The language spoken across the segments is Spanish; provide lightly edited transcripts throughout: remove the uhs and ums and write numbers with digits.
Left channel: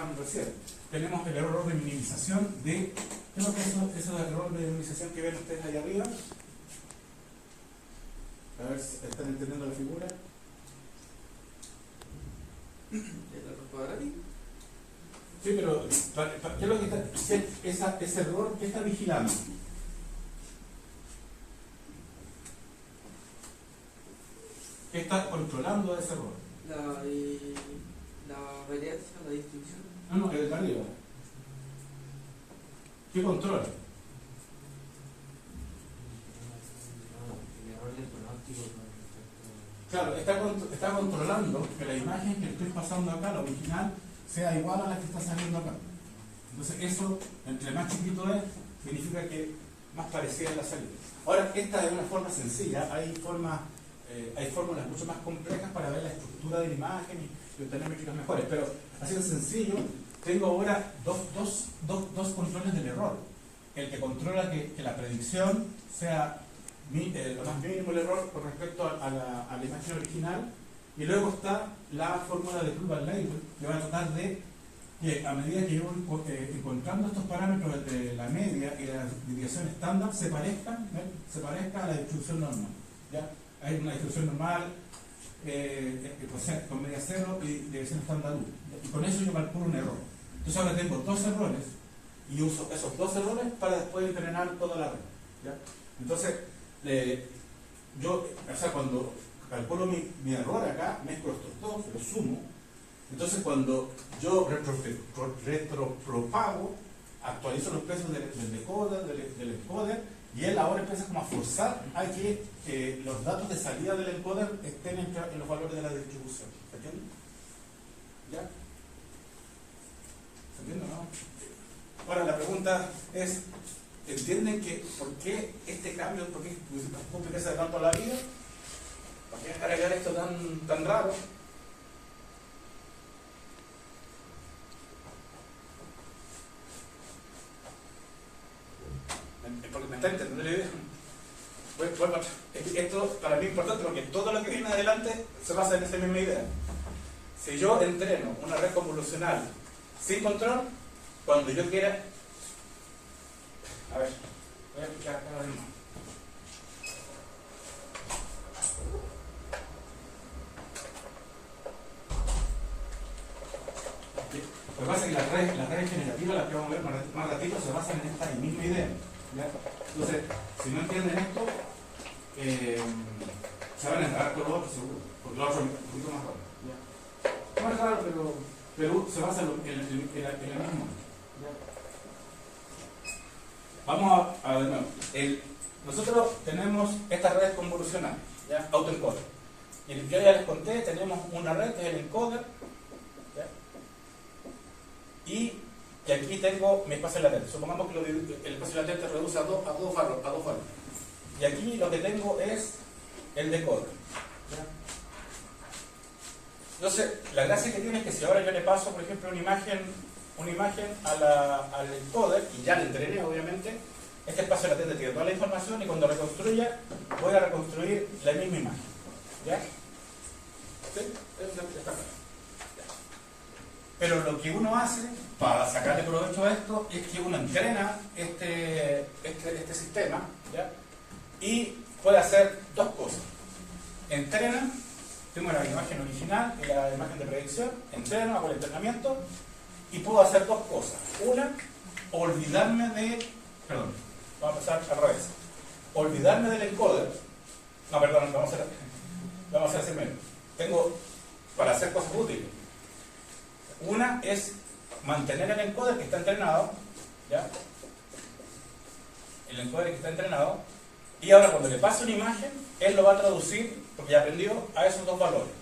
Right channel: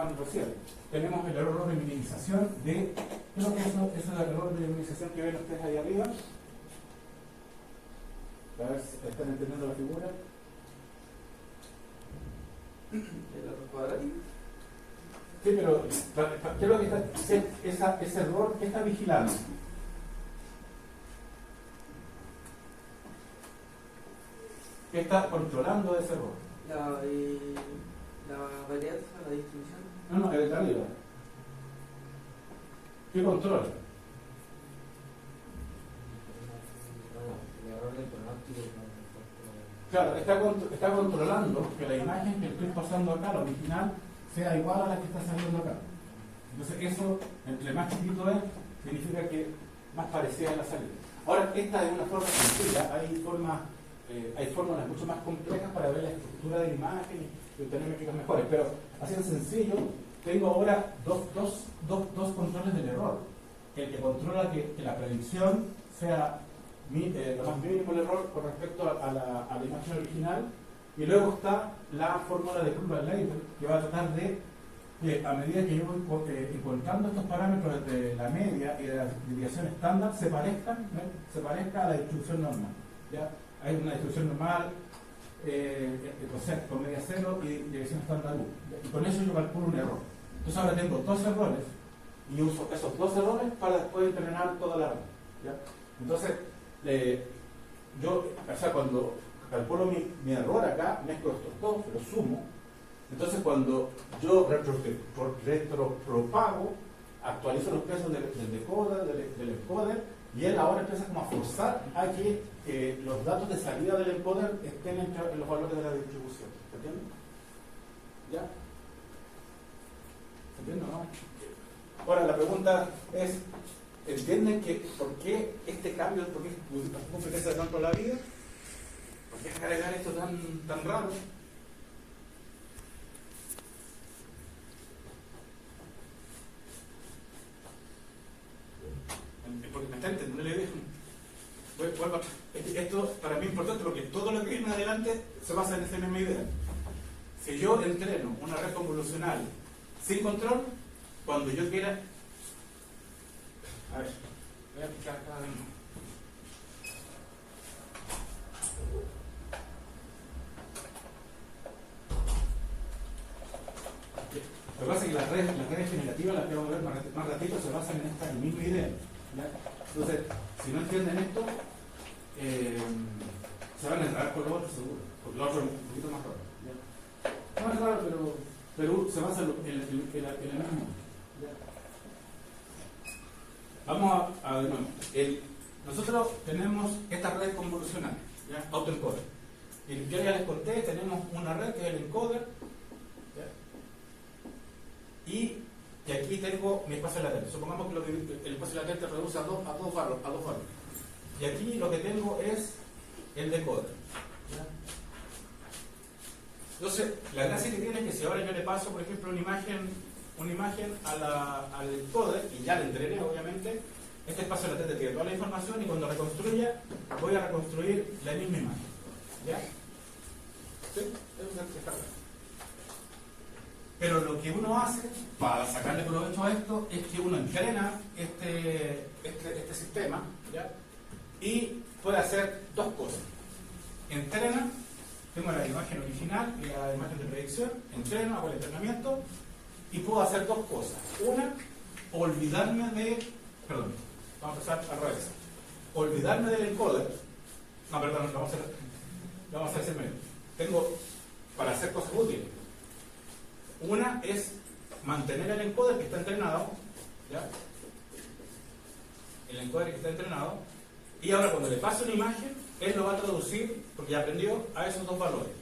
explicaban recién. Tenemos el error de minimización de... ¿Qué es lo que es eso del error de minimización que ven ustedes ahí arriba? A ver si están entendiendo la figura. ¿El error cuadrático? Sí, pero ¿qué es lo que está, ese error que está vigilando? ¿Qué está controlando ese error? La varianza, la distribución. No, el de arriba. ¿Qué controla? El error del pronóstico. Claro, está controlando que la imagen que estoy pasando acá, la original, sea igual a la que está saliendo acá. Entonces eso, entre más chiquito es, significa que más parecida a la salida. Ahora, esta es una forma sencilla, hay fórmulas mucho más complejas para ver la estructura de la imagen y obtener métricas mejores, pero así de sencillo, tengo ahora dos controles del error. El que controla que la predicción sea lo más mínimo el error con respecto a la imagen original, y luego está la fórmula de Kuban-Leiter, que va a tratar de que a medida que yo voy encontrando estos parámetros de la media y de la desviación estándar se parezca a la distribución normal. ¿Ya? Hay una distribución normal con media cero y desviación estándar 1. Y con eso yo calculo un error. Entonces ahora tengo dos errores y uso esos dos errores para después entrenar toda la red. ¿Ya? Entonces, cuando calculo mi error acá, mezclo estos dos, los sumo. Entonces, cuando yo retropropago, actualizo los pesos del decoder, del encoder, y él ahora empieza como a forzar a que los datos de salida del encoder estén en los valores de la distribución. ¿Se entiende? ¿Ya? ¿Se entiende o no? Bueno, la pregunta es, ¿entienden por qué este cambio, por qué se tanto la vida? ¿Por qué agregar esto tan raro? Porque me está entendiendo la idea. Esto para mí es importante porque todo lo que viene adelante se basa en esa misma idea. Si yo entreno una red convolucional sin control, cuando yo quiera... A ver, voy a explicar acá mismo. Lo que pasa es que las redes generativas, las que vamos a ver más ratito, se basan en esta misma idea. ¿Ya? Entonces, si no entienden esto, se van a enredar con lo otro seguro, porque lo otro es un poquito más raro. ¿Ya? No es raro, pero se basa en el mismo. ¿Ya? Vamos a ver, nosotros tenemos estas redes convolucionales, ¿ya? Autoencoder. Y yo ya les conté, tenemos una red que es el encoder, ¿ya? Y aquí tengo mi espacio latente. Supongamos que el espacio latente reduce a dos valores. Y aquí lo que tengo es el decoder. ¿Ya? Entonces, la gracia que tiene es que si ahora yo le paso, por ejemplo, una imagen al encoder, y ya le entrené, obviamente, este espacio latente tiene toda la información y cuando reconstruya, voy a reconstruir la misma imagen. ¿Ya? ¿Sí? Eso está claro. Pero lo que uno hace para sacarle provecho a esto es que uno entrena este sistema, ¿ya? Y puede hacer dos cosas. Entrena, tengo la imagen original y la imagen de predicción, entreno, hago el entrenamiento y puedo hacer dos cosas. Una, olvidarme vamos a empezar al revés. Olvidarme del encoder. No, perdón, vamos a hacer ese medio. Tengo para hacer cosas útiles. Una es mantener el encoder que está entrenado, ¿ya? El encoder que está entrenado, y ahora cuando le paso una imagen, él lo va a traducir, porque ya aprendió, a esos dos valores.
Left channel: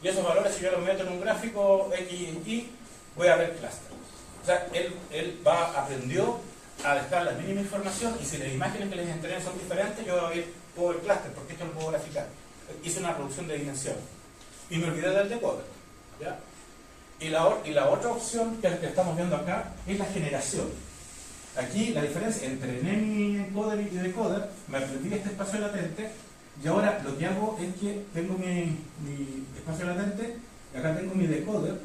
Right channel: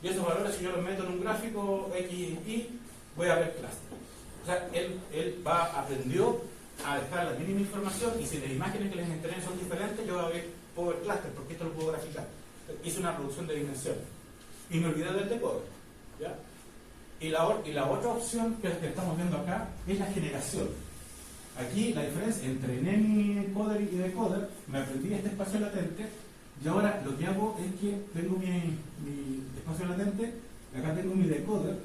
Y esos valores, si yo los meto en un gráfico X y Y, voy a ver clúster. O sea, él aprendió a dejar la mínima información, y si las imágenes que les entrené son diferentes, yo puedo ver clúster, porque esto lo puedo graficar. Hice una reducción de dimensión. Y me olvidé del decoder, ¿ya? Y la otra opción que estamos viendo acá es la generación. Aquí la diferencia entre mi encoder y decoder, me aprendí este espacio latente, y ahora lo que hago es que tengo mi espacio latente, y acá tengo mi decoder,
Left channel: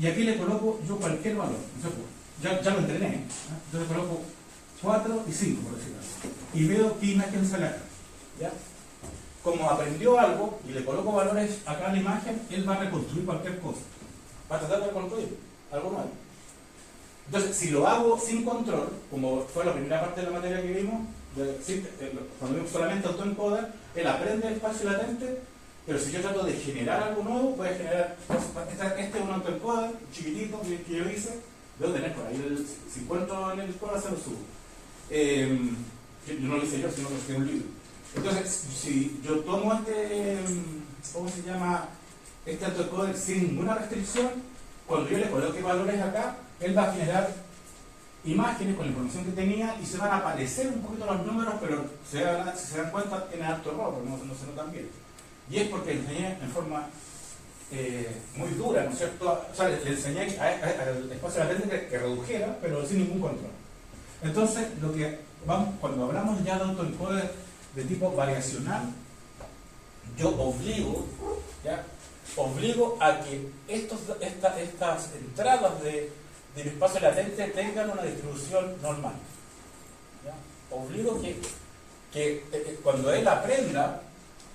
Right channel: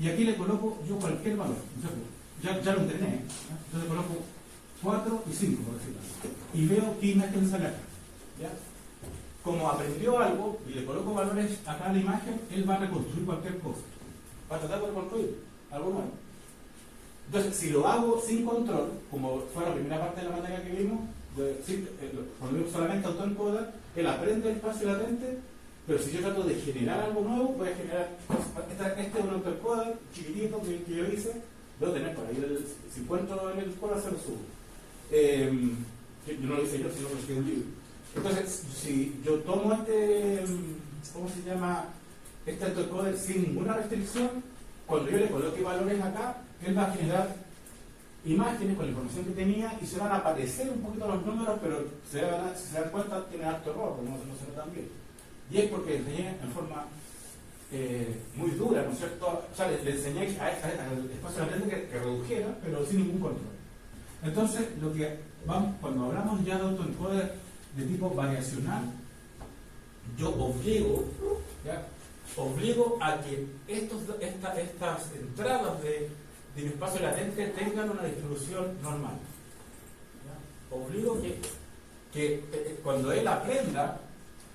y aquí le coloco yo cualquier valor. O sea, ya lo entrené, ¿eh? Yo le coloco 4 y 5, por decirlo así, y veo qué imagen sale acá, ¿ya? Como aprendió algo y le coloco valores acá en la imagen, él va a reconstruir cualquier cosa, va a tratar de reconstruir algo nuevo. Entonces, si lo hago sin control, como fue la primera parte de la materia que vimos, cuando vimos solamente autoencoder, él aprende el espacio latente, pero si yo trato de generar algo nuevo, voy a generar, este es un autoencoder chiquitito que yo hice, debo tener por ahí, si encuentro en el escuela se lo subo. No lo hice yo, sino que escribí un libro. Entonces, si yo tomo ¿cómo se llama? Este autoencoder sin ninguna restricción, cuando yo le coloque valores acá, él va a generar imágenes con la información que tenía y se van a aparecer un poquito los números, pero si se dan cuenta tiene alto error, porque no se notan bien. Y es porque le enseñé en forma muy dura, ¿no es cierto? O sea, le enseñé al espacio latente que redujera, pero sin ningún control. Entonces, cuando hablamos ya de autoencoder de tipo variacional, yo obligo a que estas entradas del espacio latente tengan una distribución normal. ¿Ya? Obligo que cuando él aprenda,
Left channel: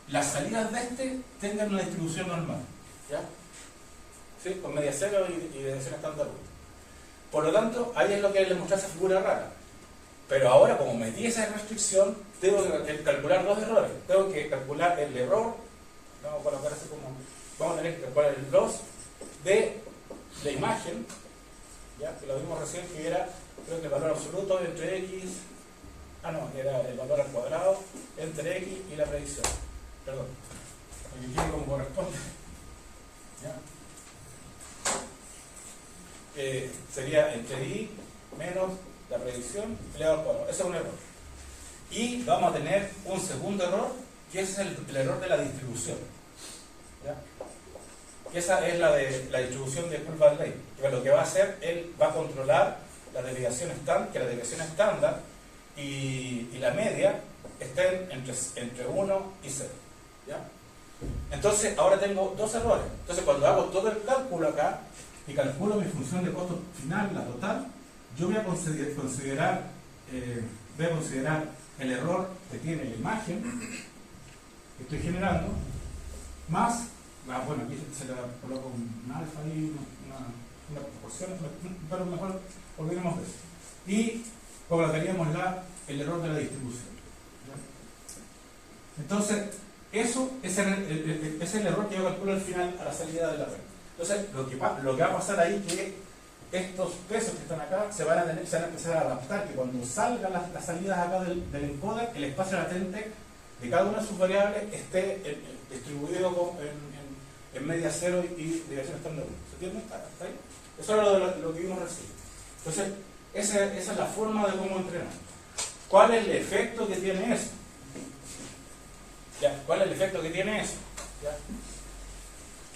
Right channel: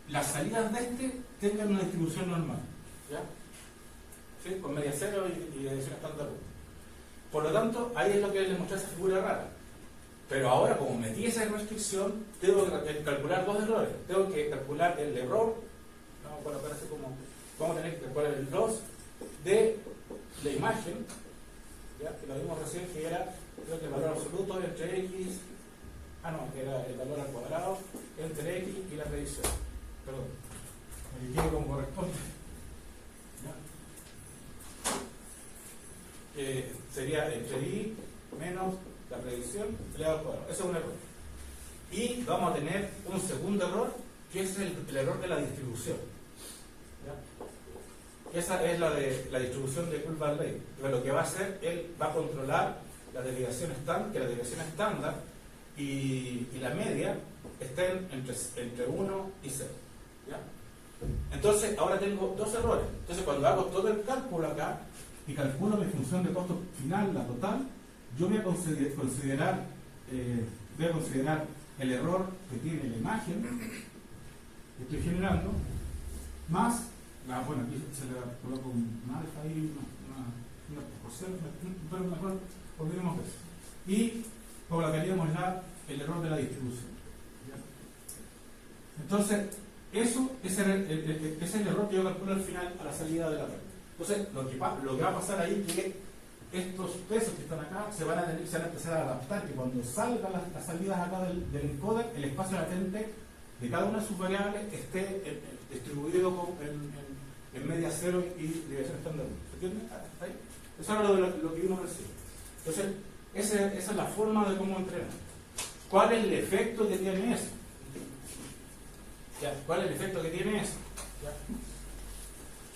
las salidas de tengan una distribución normal. ¿Ya? ¿Sí? Con media cero y dirección estándar 1. Por lo tanto, ahí es lo que les mostré esa figura rara. Pero ahora, como metí esa restricción, tengo que calcular 2 errores. Tengo que calcular el error, vamos a tener que calcular el loss de la imagen, ¿ya? Que lo vimos recién, que era, creo que el valor absoluto entre x, que era el valor al cuadrado entre x y la predicción. Perdón, para que quede como corresponde. ¿Ya? Sería entre i menos la predicción elevado al cuadrado. Ese es un error. Y vamos a tener un segundo error, que es el error de la distribución. ¿Ya? Esa es la distribución de Kurzweil-Leibniz. Lo que va a hacer, él va a controlar la desviación estándar, que la desviación estándar y la media estén entre 1 y 0. ¿Ya? Entonces, ahora tengo 2 errores. Entonces, cuando hago todo el cálculo acá y calculo mi función de costo final, la total, yo voy a considerar el error que tiene la imagen que estoy generando, más, aquí se le coloco un alfa y una proporción, pero mejor olvidemos de eso. Y colocaríamos el error de la distribución. ¿Ya? Entonces, eso es el error que yo calculo al final a la salida de la red. Entonces, lo que va a pasar ahí es que estos pesos que están acá se van a empezar a adaptar, que cuando salgan las salidas acá del encoder, el espacio latente de cada una de sus variables esté distribuido en media cero y dirección estándar 1. ¿Se entiende? ¿Está ahí? Eso era lo que vimos recién. Entonces, esa es la forma de cómo entrenar. ¿Cuál es el efecto que tiene eso? ¿Ya? ¿Cuál es el efecto que tiene eso? ¿Ya?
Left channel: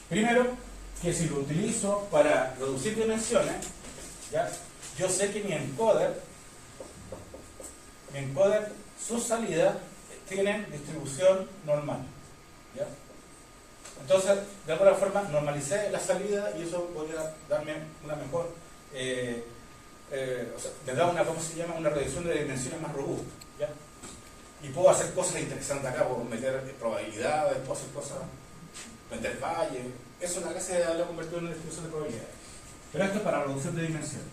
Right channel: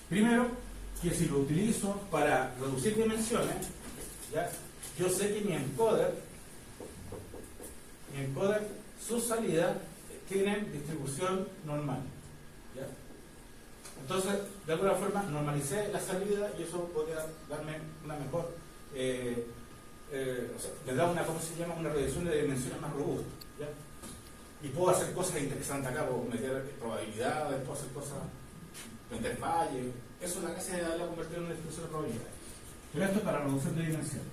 Primero, que si lo utilizo para reducir dimensiones, ¿ya? Yo sé que mi encoder, sus salidas tienen distribución normal. ¿Ya? Entonces, de alguna forma, normalicé la salida y eso podría darme una mejor, me da una reducción de dimensiones más robusta. ¿Ya? Y puedo hacer cosas interesantes acá, puedo meter probabilidades, puedo hacer cosas, meter fallos. Es una clase de la convertido en una distribución de probabilidades. Pero esto es para reducción de dimensiones.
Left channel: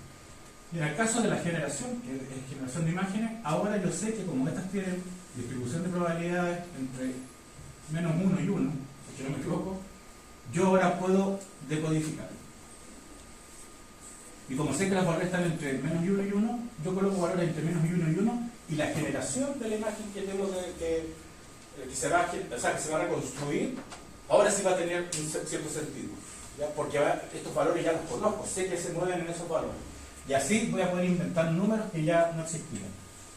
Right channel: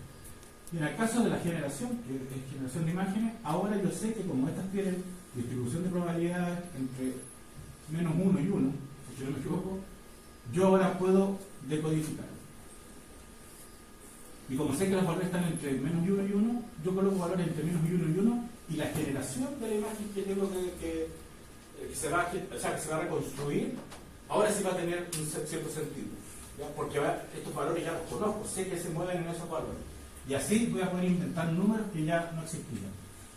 Y en el caso de la generación, que es generación de imágenes, ahora yo sé que como estas tienen distribución de probabilidades entre menos 1 y 1, si yo no me equivoco, yo ahora puedo decodificar. Y como sé que las valores están entre menos 1 y 1, yo coloco valores entre menos 1 y 1, y la generación de la imagen que tengo que se va a reconstruir, ahora sí va a tener un cierto sentido, ¿ya? Porque estos valores ya los conozco, sé que se mueven en esos valores. Y así voy a poder inventar números que ya no existían.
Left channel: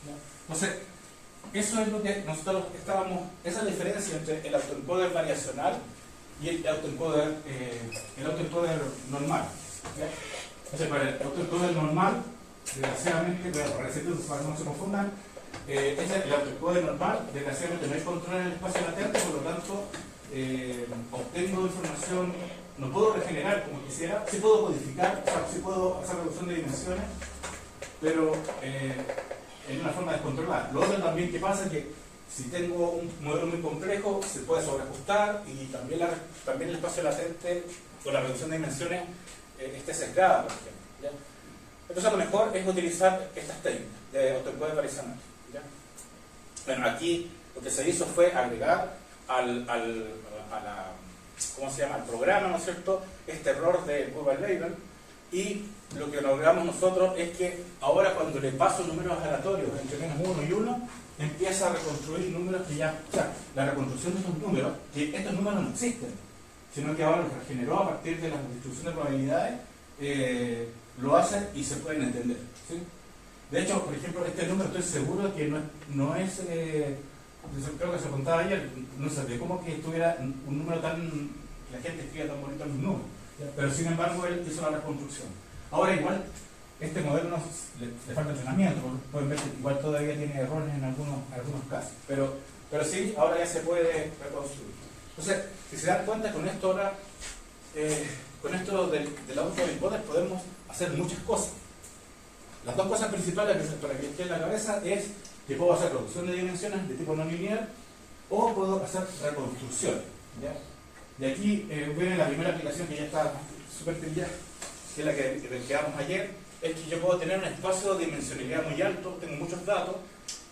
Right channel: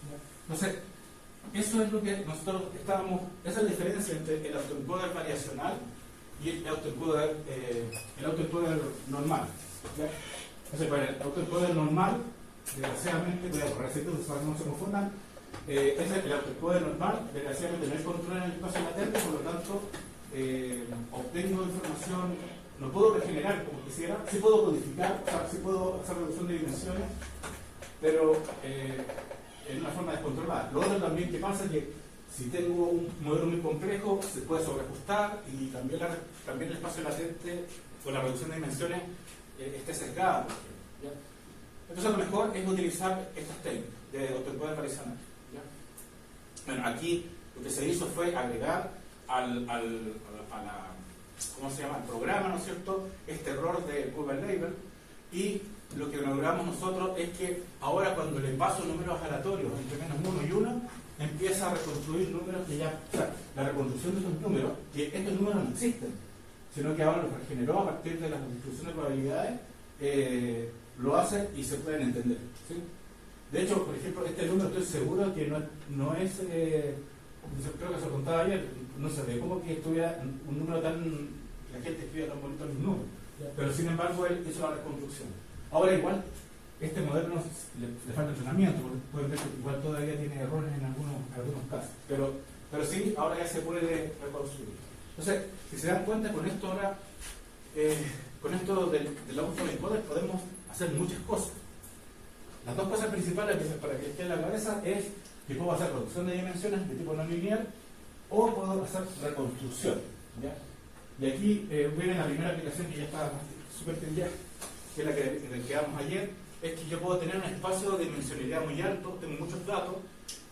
¿Ya? Entonces, eso es lo que nosotros esa es la diferencia entre el autoencoder variacional y el autoencoder normal. ¿Ya? Entonces, para el autoencoder normal, desgraciadamente, voy a borrar ese texto para que no se confundan, el autoencoder normal, desgraciadamente no hay control en el espacio latente, por lo tanto, obtengo información lo puedo regenerar como quisiera, sí puedo codificar, o sea, sí puedo hacer reducción de dimensiones, pero en una forma descontrolada. Lo otro también que pasa es que si tengo un modelo muy complejo, se puede sobreajustar y también, también el espacio latente o la reducción de dimensiones esté sesgada, por ejemplo, ¿ya? Entonces lo mejor es utilizar estas técnicas de autoencoder variacional, ¿ya? Bueno, aquí lo que se hizo fue agregar ¿cómo se llama? Al programa, ¿no es cierto?, este error de Google Label, y lo que logramos nosotros es que ahora cuando le paso números aleatorios entre menos 1 y 1, empieza a reconstruir números que ya, o sea, la reconstrucción de estos números, que estos números no existen, sino que ahora los regeneró a partir de la distribución de probabilidades, lo hace y se pueden entender, ¿sí? De hecho, por ejemplo, este número estoy seguro que no es creo que se contaba ayer, no sé, de cómo que estuviera un número tan, que la gente escribía tan bonito los números, pero sin embargo él hizo la reconstrucción. Ahora igual, este modelo le falta entrenamiento, porque pueden ver que igual todavía tiene errores en algunos casos, pero sí, ahora ya se puede reconstruir. Entonces, si se dan cuenta, con esto ahora, con esto del autoencoder podemos hacer muchas cosas. Las dos cosas principales para que esté en la cabeza es que puedo hacer reducción de dimensiones de tipo no lineal o puedo hacer reconstrucción, ¿ya? De aquí viene la primera aplicación que ya está súper trillada, que es la que quedamos ayer, es que yo puedo tener un espacio de dimensionalidad muy alto, tengo muchos datos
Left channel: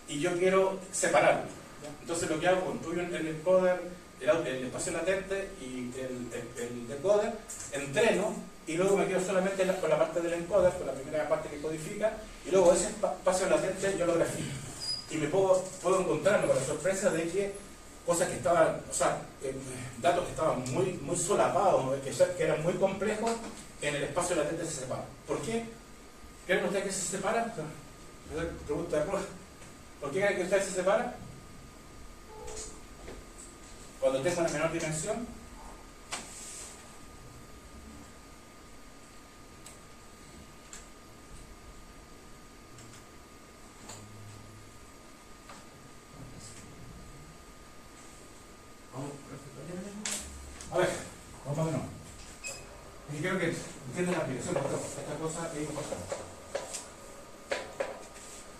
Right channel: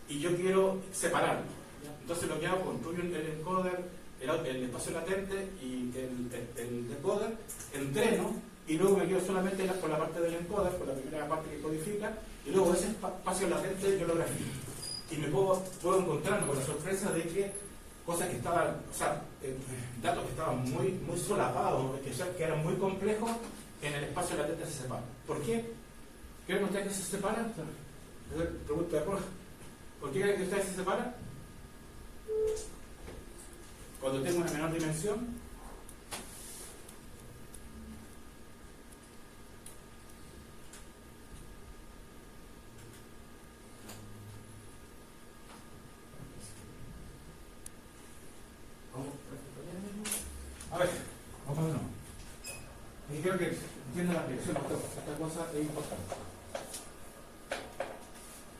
y yo quiero separarlo, ¿ya? Entonces lo que hago, construyo el encoder, el espacio latente y el decoder, entreno y luego me quedo solamente con la parte del encoder, con la primera parte que codifica, y luego ese espacio latente yo lo grafico. Y me puedo encontrarme con la sorpresa de que cosas que estaban, o sea, datos que estaban muy solapados, que eran muy complejos, en el espacio latente se separan. ¿Por qué? ¿Creen ustedes que se separan? Esa es la pregunta de prueba. ¿Por qué creen que ustedes se separan? Cuando tengo una menor dimensión. A ver, vamos de nuevo. Y creo que entienden la aplicación, porque esta cosa es importante.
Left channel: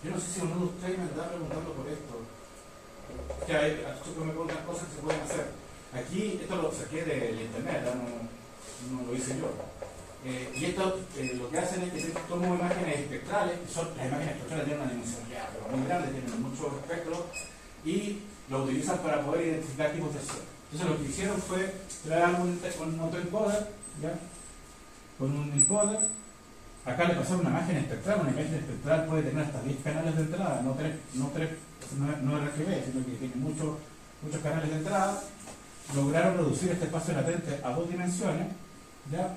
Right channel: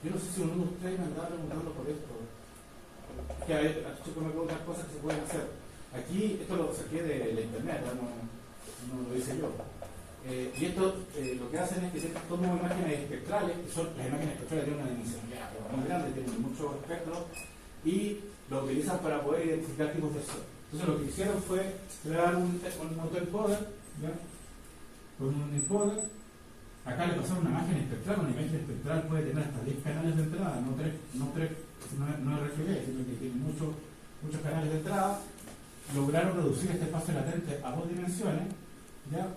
Yo no sé si uno de ustedes me está preguntando por esto. Que hay, me preguntan cosas que se pueden hacer. Aquí, esto lo saqué de internet, no lo hice yo. Y esto lo que hacen es que tomo imágenes espectrales, que son, las imágenes espectrales tienen una dimensión muy grande, tienen muchos espectros, y lo utilizan para poder identificar tipos de células. Entonces lo que hicieron fue crear un autoencoder, ¿ya? Con un encoder. Acá le pasaron una imagen espectral puede tener hasta 10 canales de entrada, no RGB, sino que tiene muchos canales de entrada. Lograron reducir este espacio latente a 2 dimensiones, ¿ya?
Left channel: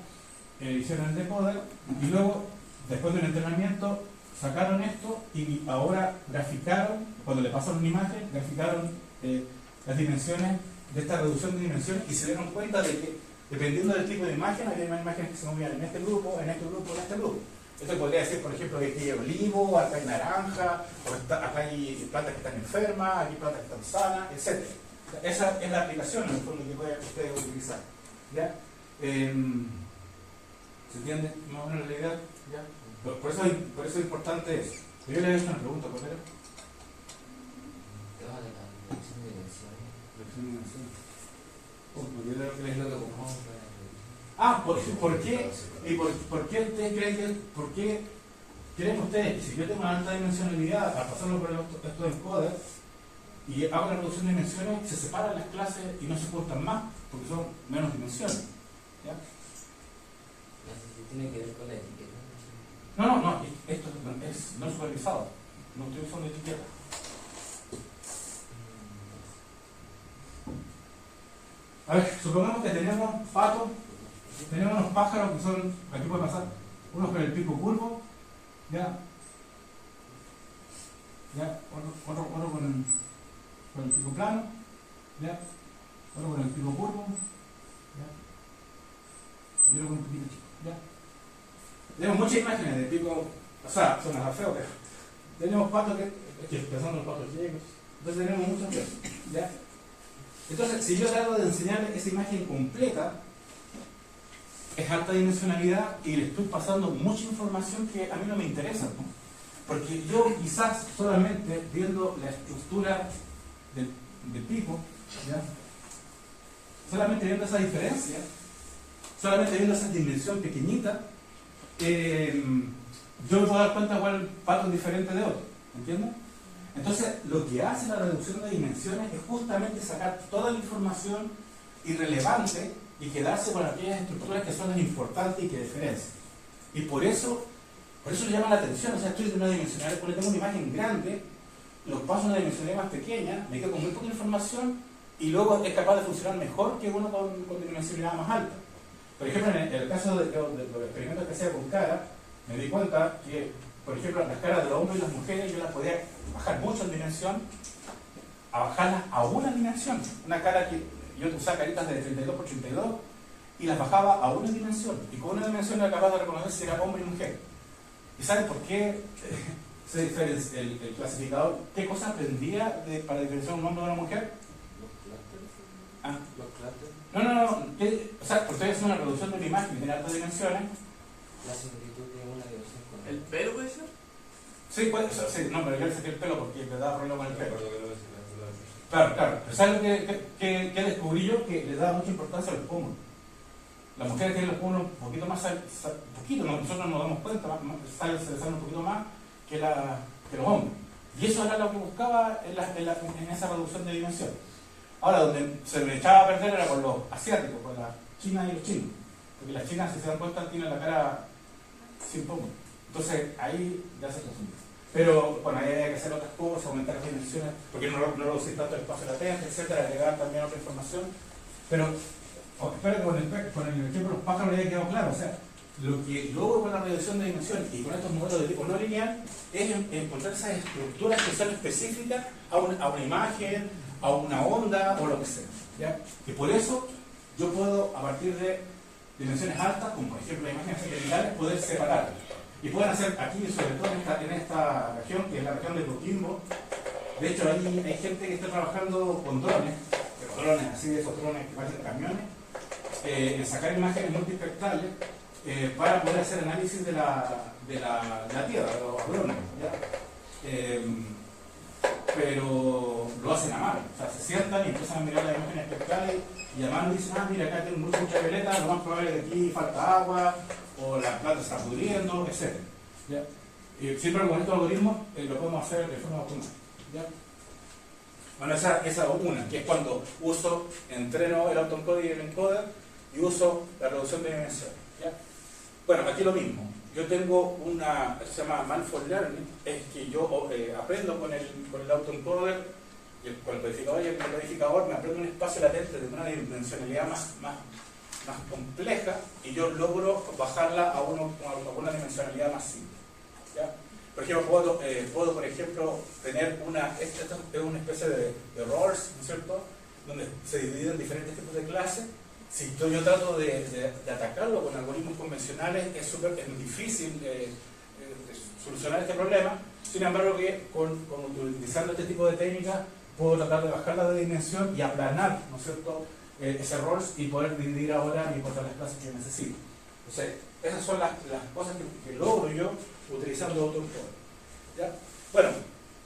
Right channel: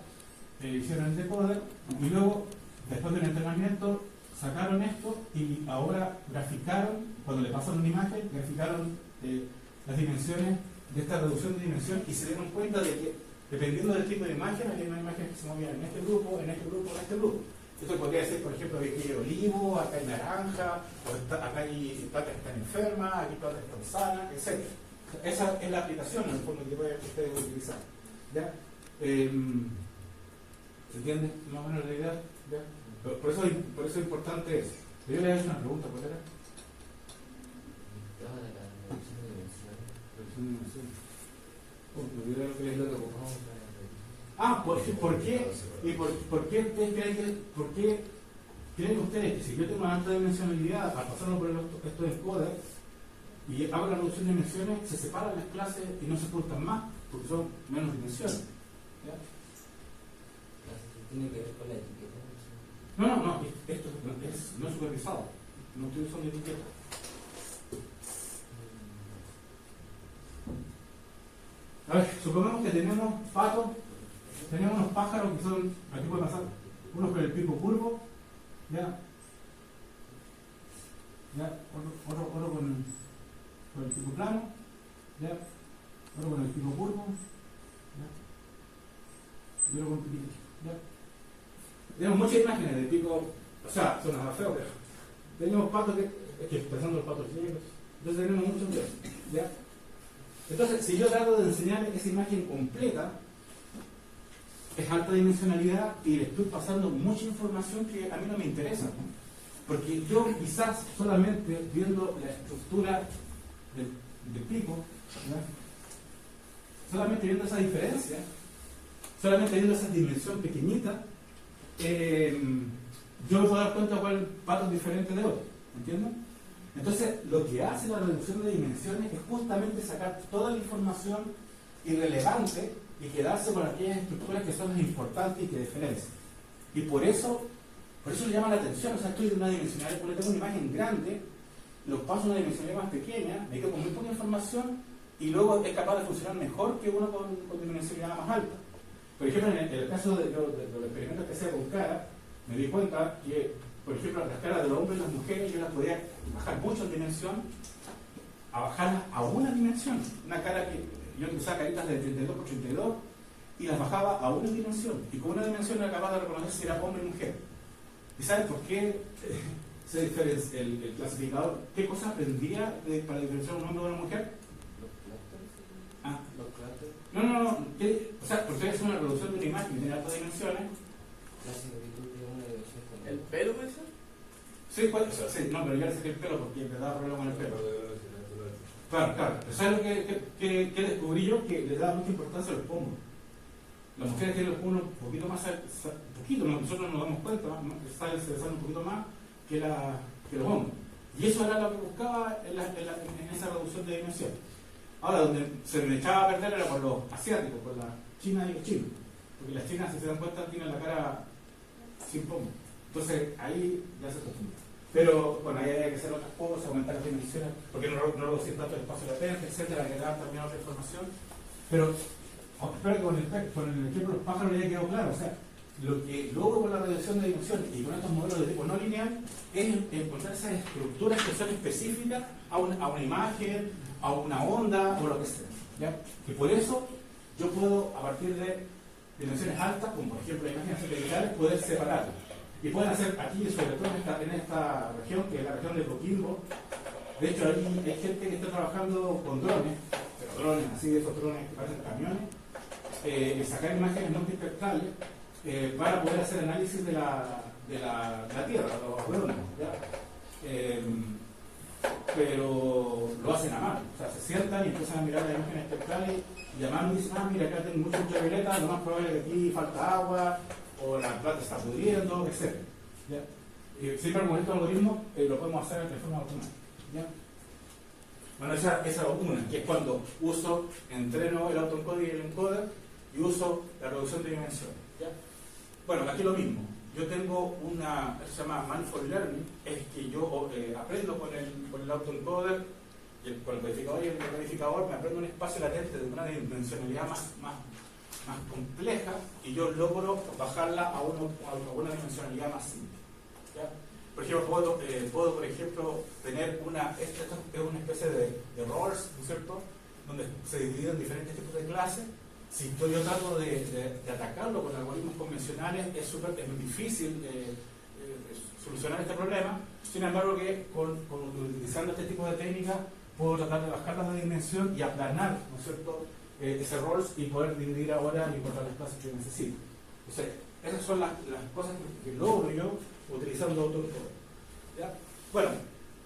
Hicieron el decoder y luego, después del entrenamiento, sacaron esto y ahora graficaron, cuando le pasaron una imagen, graficaron las dimensiones de esta reducción de dimensión y se dieron cuenta de que dependiendo del tipo de imagen, había una imagen que se movían en este grupo, en este grupo, en este grupo. Esto podría decir, por ejemplo, que aquí hay olivo, acá hay naranja, o acá hay plantas que están enfermas, aquí hay plantas que están sanas, etc. Esa es la aplicación en el fondo que ustedes utilizar. ¿Ya? ¿Se entiende más o menos la idea? ¿Ya? Por eso es importante eso. Yo le he hecho una pregunta, ¿cuál era? Reducción de dimensiones. ¿Por qué? ¿Y por qué ustedes creen ustedes que si yo tengo una alta dimensionalidad al pasarlo por estos encoders y hago la reducción de dimensiones, se separan las clases y no se juntan más porque son menos dimensiones? ¿Ya? Tiene que ver con la etiqueta. No, esto es no supervisado. No estoy usando etiqueta. A ver, supongamos que tenemos patos, tenemos unos pájaros que son, aquí puede pasar, unos con el pico curvo, ya, otro con el pico plano, ya, otro con el pico curvo, ya, y otro con el pico chico, ya. Tenemos muchas imágenes de pico, o sea, son las feos, pero tenemos patos que son los patos ciegos, entonces tenemos muchos de esos, ya. Entonces, si yo trato de enseñar esa imagen completa, es alta dimensionalidad y le estoy pasando mucha información que a mí no me interesa, ¿no? Porque yo quizás solamente viendo la estructura del pico, ¿ya? Solamente viendo esa diferencia, solamente viendo esa dimensión pequeñita, yo me puedo dar cuenta de cuál patrón diferente de otro, ¿entiendes? Entonces, lo que hace la reducción de dimensiones es justamente sacar toda la información irrelevante y quedarse con aquellas estructuras que son importantes y que diferencian. Y por eso le llama la atención. O sea, estoy de una dimensionalidad, porque tengo una imagen grande, los pasos de una dimensionalidad más pequeña, me quedo con muy poca información y luego es capaz de funcionar mejor que uno con dimensionalidad más alta. Por ejemplo, en el caso de los experimentos que hacía con cara, me di cuenta que, por ejemplo, las caras de los hombres y las mujeres yo las podía bajar mucho en dimensión, a bajarlas a una dimensión. Una cara que yo usaba caritas de 32 por 32 y las bajaba a una dimensión. Y con una dimensión era capaz de reconocer si era hombre y mujer. ¿Y sabes por qué se diferencia el clasificador? ¿Qué cosa aprendía para diferenciar un hombre de una mujer? Ah. No. O sea, porque es una reducción de la imagen que tiene altas dimensiones. La similitud de una diversión con el pelo, puede ser. Sí, puede ser, sí, no, pero yo le saqué el pelo porque le daba problema con el pelo. Claro. Pero ¿sabes lo que descubrí yo? Que le daba mucha importancia a los pómulos. Las mujeres tienen los pómulos un poquito más, nosotros nos damos cuenta, se salen un poquito más que los hombres. Y eso era lo que buscaba en esa reducción de dimensiones. Ahora, donde se me echaba a perder era con los asiáticos, con las chinas y los chinos. Porque las chinas, si se dan cuenta, tienen la cara sin pómulos. Entonces, ahí ya se acostumbra. Pero, bueno, ahí hay que hacer otras cosas, aumentar las dimensiones, porque no reducir tanto el espacio latente, etcétera, agregar también otra información. Pero, espero que con el ejemplo de los pájaros le haya quedado claro. O sea, lo que logro con la reducción de dimensiones y con estos modelos de tipo no lineal es encontrar esas estructuras que son específicas a una imagen, a una onda o lo que sea, ¿ya? Y por eso yo puedo, a partir de dimensiones altas, como por ejemplo las imágenes satelitales, poder separarlas. Y pueden hacer aquí, sobre todo en esta región, que es la región de Coquimbo. De hecho, hay gente que está trabajando con drones, pero drones así, de esos drones que parecen camiones, de sacar imágenes multispectrales para poder hacer análisis de la Tierra, de los drones, ¿ya? Pero lo hacen a mano, o sea, se sientan y empiezan a mirar las imágenes espectrales y a mano dicen, mira, acá tengo mucha ultravioleta, lo más probable es que aquí falta agua, o la planta está pudriendo, etc. ¿Ya? Siempre con estos algoritmos lo podemos hacer de forma automática. ¿Ya? Bueno, esa es una, que es cuando entreno el autoencoder y el encoder y uso la reducción de dimensiones. ¿Ya? Bueno, aquí lo mismo. Yo tengo una, se llama Manifold Learning, es que yo aprendo con el autoencoder, con el codificador y el decodificador, me aprendo un espacio latente de una dimensionalidad más compleja y yo logro bajarla a una dimensionalidad más simple. ¿Ya? Por ejemplo, puedo por ejemplo, tener esta es una especie de roles, ¿no es cierto?, donde se dividen diferentes tipos de clases. Si yo trato de atacarlo con algoritmos convencionales, es muy difícil solucionar este problema. Sin embargo, utilizando este tipo de técnicas, puedo tratar de bajarla de dimensión y aplanar, ¿no es cierto?, ese roles y poder dividir ahora y encontrar las clases que necesito. Entonces, esas son las cosas que logro yo utilizando autoencoder. ¿Ya? Bueno,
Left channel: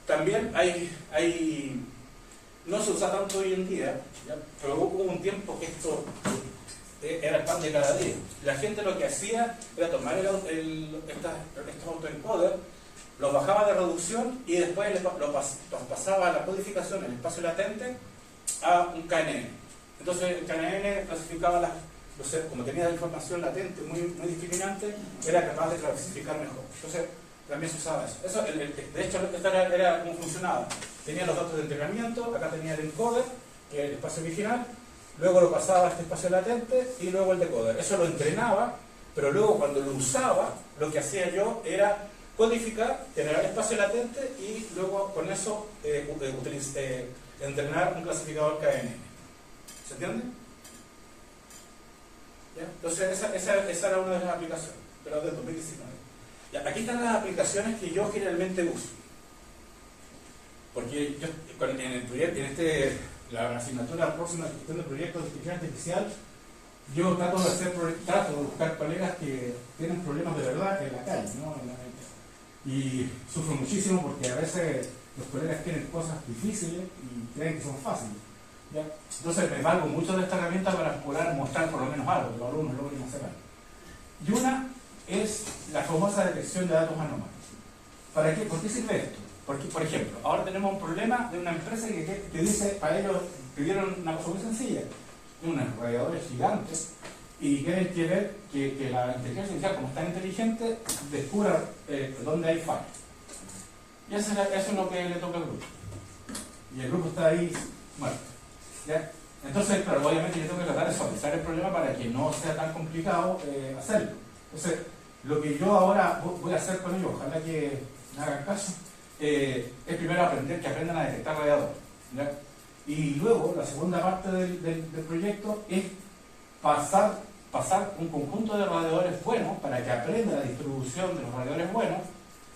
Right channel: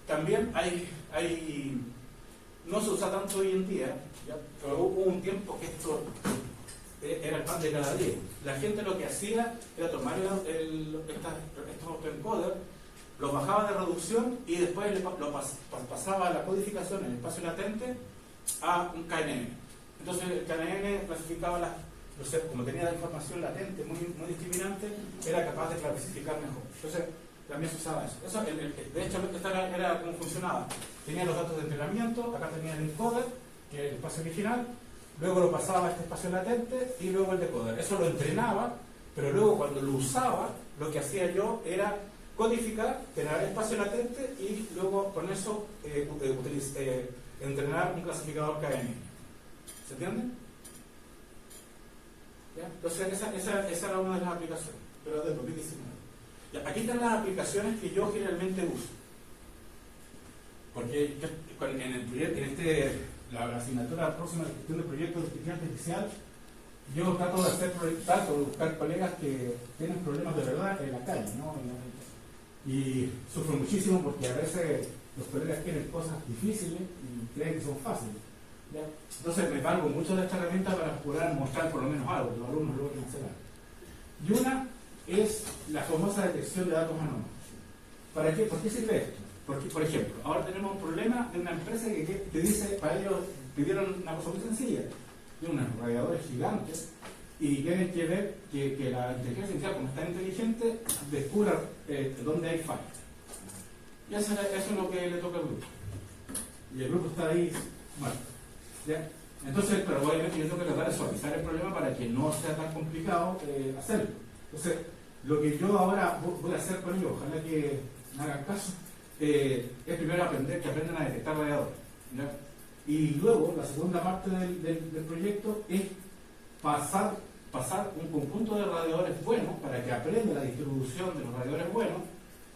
también no se usa tanto hoy en día, ¿ya? Pero hubo un tiempo que esto era el pan de cada día. La gente lo que hacía era tomar estos autoencoders, los bajaba de reducción y después lo pasaba a la codificación en el espacio latente a un KNN. Entonces el KNN clasificaba como tenía la información latente muy discriminante, era capaz de clasificar mejor. Entonces también se usaba eso. De hecho, esto era cómo funcionaba. Tenía los datos de entrenamiento, acá tenía el encoder, que es el espacio original, luego lo pasaba a este espacio latente y luego el decoder. Eso lo entrenaba, pero luego cuando lo usaba, lo que hacía yo era codificar, generar el espacio latente y luego con eso entrenar un clasificador KNN. ¿Se entiende? ¿Ya? Entonces esa era una de las aplicaciones, pero del 2019. Ya, aquí están las aplicaciones que yo generalmente uso. Porque yo, en el proyecto, la asignatura próxima de gestión de proyectos de inteligencia artificial, yo trato de buscar colegas que tienen problemas de verdad en la calle, ¿no? Y sufro muchísimo porque a veces los colegas tienen cosas difíciles y creen que son fáciles, ¿ya? Entonces me valgo mucho de esta herramienta para poder mostrar por lo menos algo, que los alumnos logren hacer algo. Y una es la famosa detección de datos anómalos. ¿Para qué? ¿Por qué sirve esto? Porque, por ejemplo, ahora tenemos un problema de una empresa que dice, para ellos pidieron una cosa muy sencilla, de unos radiadores gigantes, y quieren que ver que la inteligencia artificial, como es tan inteligente, descubra dónde hay fallas. Y eso es lo que le toca al grupo. Y el grupo está ahí muerto. ¿Ya? Entonces, claro, obviamente yo tengo que tratar de suavizar el problema para que no sea tan complicado hacerlo. Entonces, lo que yo ahora voy a hacer con ellos, ojalá que me hagan caso, es primero que aprendan a detectar radiadores. ¿Ya? Y luego, la segunda parte del proyecto es pasar un conjunto de radiadores buenos para que aprenda la distribución de los radiadores buenos,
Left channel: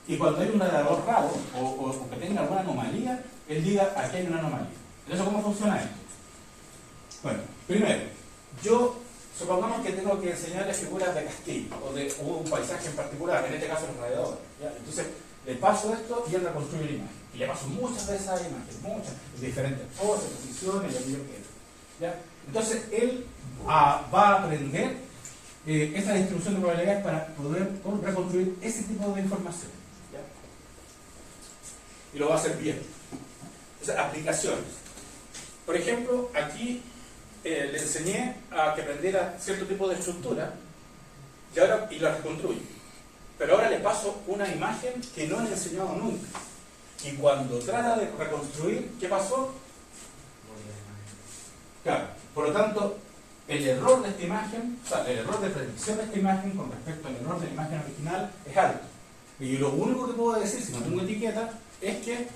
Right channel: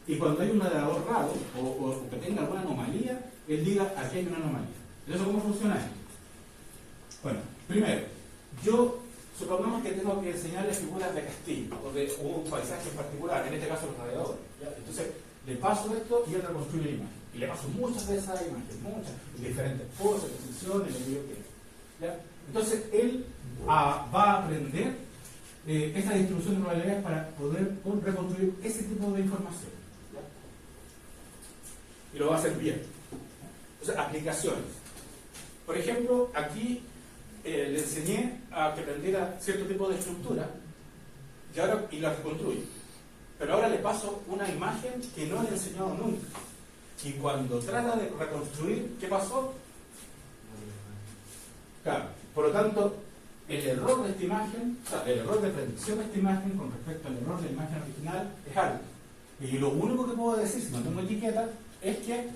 y cuando hay un radiador raro o que tenga alguna anomalía, él diga, aquí hay una anomalía. ¿Eso cómo funciona esto? Bueno, primero, yo supongamos que tengo que enseñarles figuras de castillo o un paisaje en particular, en este caso los radiadores. ¿Ya? Entonces, le paso esto y él reconstruye la imagen. Y le paso muchas de esas imágenes, muchas, en diferentes poses, posiciones, lo que yo quiera. ¿Ya? Entonces, él va a aprender esta distribución de probabilidades para poder reconstruir ese tipo de información. ¿Ya? Y lo va a hacer bien. Entonces, aplicaciones. Por ejemplo, aquí le enseñé a que aprendiera cierto tipo de estructura y la reconstruye. Pero ahora le paso una imagen que no le he enseñado nunca. Y cuando trata de reconstruir, ¿qué pasó? Claro, por lo tanto, el error de esta imagen, o sea, el error de predicción de esta imagen con respecto al error de la imagen original es alto. Y lo único que puedo decir, si no tengo etiqueta, es que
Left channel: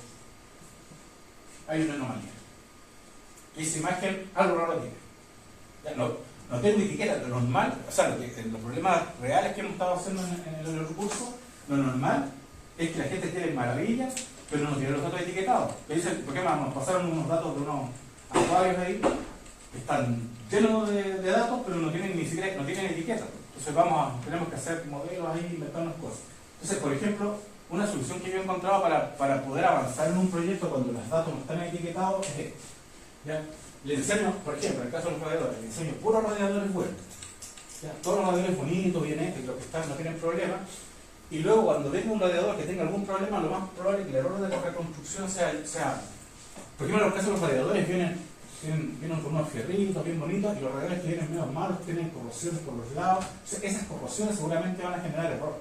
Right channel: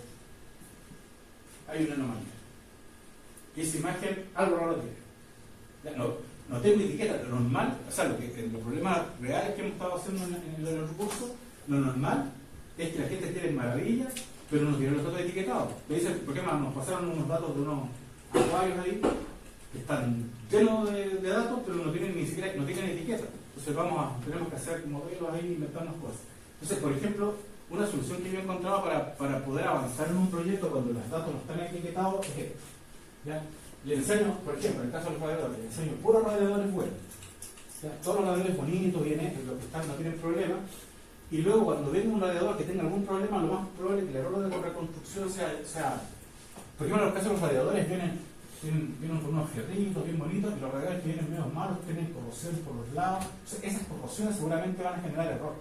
hay una anomalía. Y esa imagen algo raro tiene. No tengo etiqueta, lo normal, o sea, los problemas reales que hemos estado haciendo en el recurso, lo normal es que la gente esté en maravilla, pero no tiene los datos etiquetados. Y dicen, ¿por qué más? Nos pasaron unos datos de unos acuarios ahí, que están llenos de datos, pero no tienen ni siquiera etiqueta. Entonces tenemos que hacer modelos ahí, inventarnos cosas. Entonces, por ejemplo, una solución que yo he encontrado para poder avanzar en un proyecto cuando los datos no están etiquetados es esto. ¿Ya? Le enseño, por ejemplo, en el caso de los radiadores, le enseño puros radiadores buenos. ¿Ya? Todos los radiadores bonitos, bien hechos, los que están, no tienen problema. Y luego, cuando venga un radiador que tenga algún problema, lo más probable es que el error de la reconstrucción sea. Por ejemplo, en el caso de los radiadores vienen con unos fierritos bien bonitos, y los radiadores que vienen medio malos tienen corrosiones por los lados. Entonces, esas corrosiones seguramente van a generar error.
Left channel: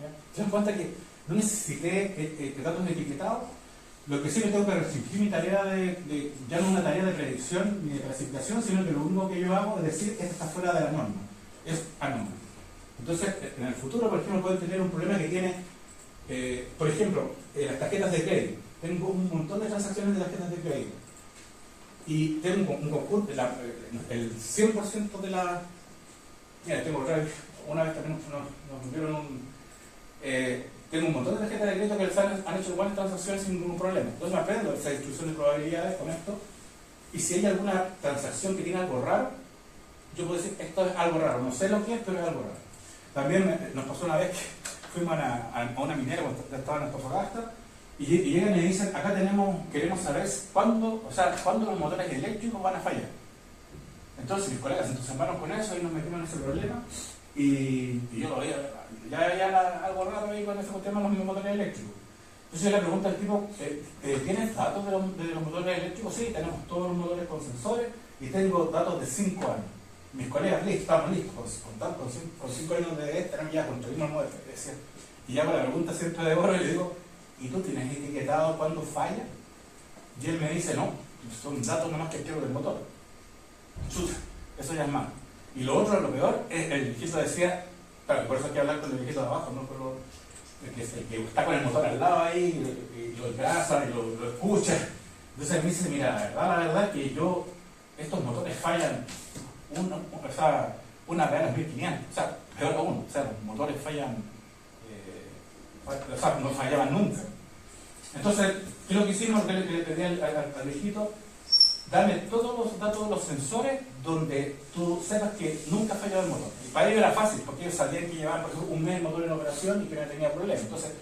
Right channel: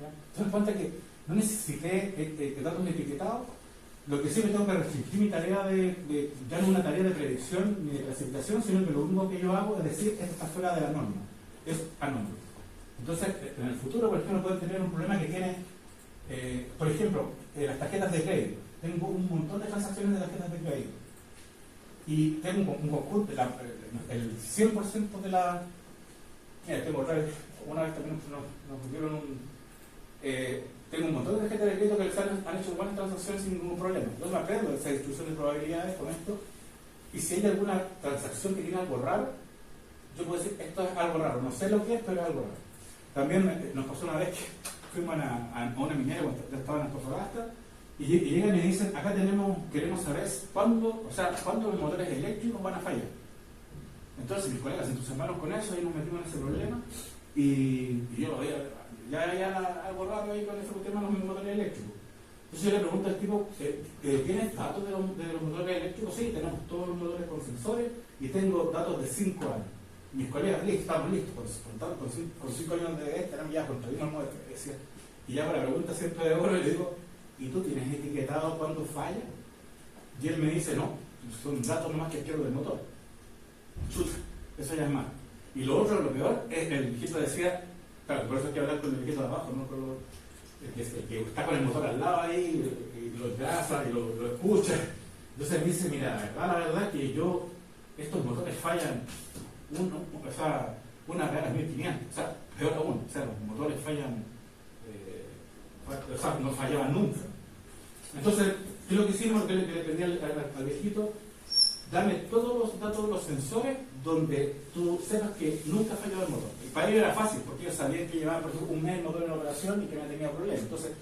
¿Ya? ¿Se dan cuenta que no necesité datos etiquetados? Lo que sí me tengo que restringir mi tarea ya no una tarea de predicción ni de clasificación, sino que lo único que yo hago es decir, esto está fuera de la norma, es anómalo. Entonces, en el futuro, por ejemplo, pueden tener un problema que tiene, por ejemplo, las tarjetas de crédito. Tengo un montón de transacciones de tarjetas de crédito. Y tengo un concurso, el 100% de la... Mira, tengo otra vez, una vez también nos dieron tengo un montón de tarjetas de crédito que han hecho buenas transacciones sin ningún problema. Entonces me aprendo esa distribución de probabilidades con esto, y si hay alguna transacción que tiene algo raro, yo puedo decir, esto es algo raro, no sé lo que es, pero es algo raro. También nos pasó una vez que fuimos a una minera cuando estaba en Antofagasta, y llegan y me dicen, acá queremos saber cuándo los motores eléctricos van a fallar. Entonces mis colegas se entusiasmaron con eso y nos metimos en ese problema, y yo lo veía, ya había algo raro ahí con ese tema de los motores eléctricos. Entonces yo le pregunto al tipo, ¿tienes datos de los motores eléctricos? Sí, tenemos todos los motores con sensores y tengo datos de 5 años. Mis colegas estamos listos, con 5 años de tenemos ya construimos nueva experiencia. Y ya con la pregunta siempre de oro le digo, ¿y tú tienes etiquetado cuándo falla? Y él me dice, no, son datos nomás que quiero del motor. Chuta, eso ya es malo. Y lo otro, lo peor, es el viejito decía, claro, por eso hay que hablar con el viejito de abajo, ¿no? Pero el que está con el motor al lado ahí, y lo grasa y lo escucha. Entonces me dice, mira, la verdad que estos motores fallan una vez a las 1500, o sea, peor aún, o sea, los motores fallan, no fallaban nunca. Entonces, ¿qué es lo que hicimos? Le pedí al viejito, dame todos los datos de los sensores donde tú sepas que nunca ha fallado el motor. Y para ellos era fácil, porque ellos sabían que llevaban, por ejemplo, un mes el motor en operación y que no tenía problemas. Entonces,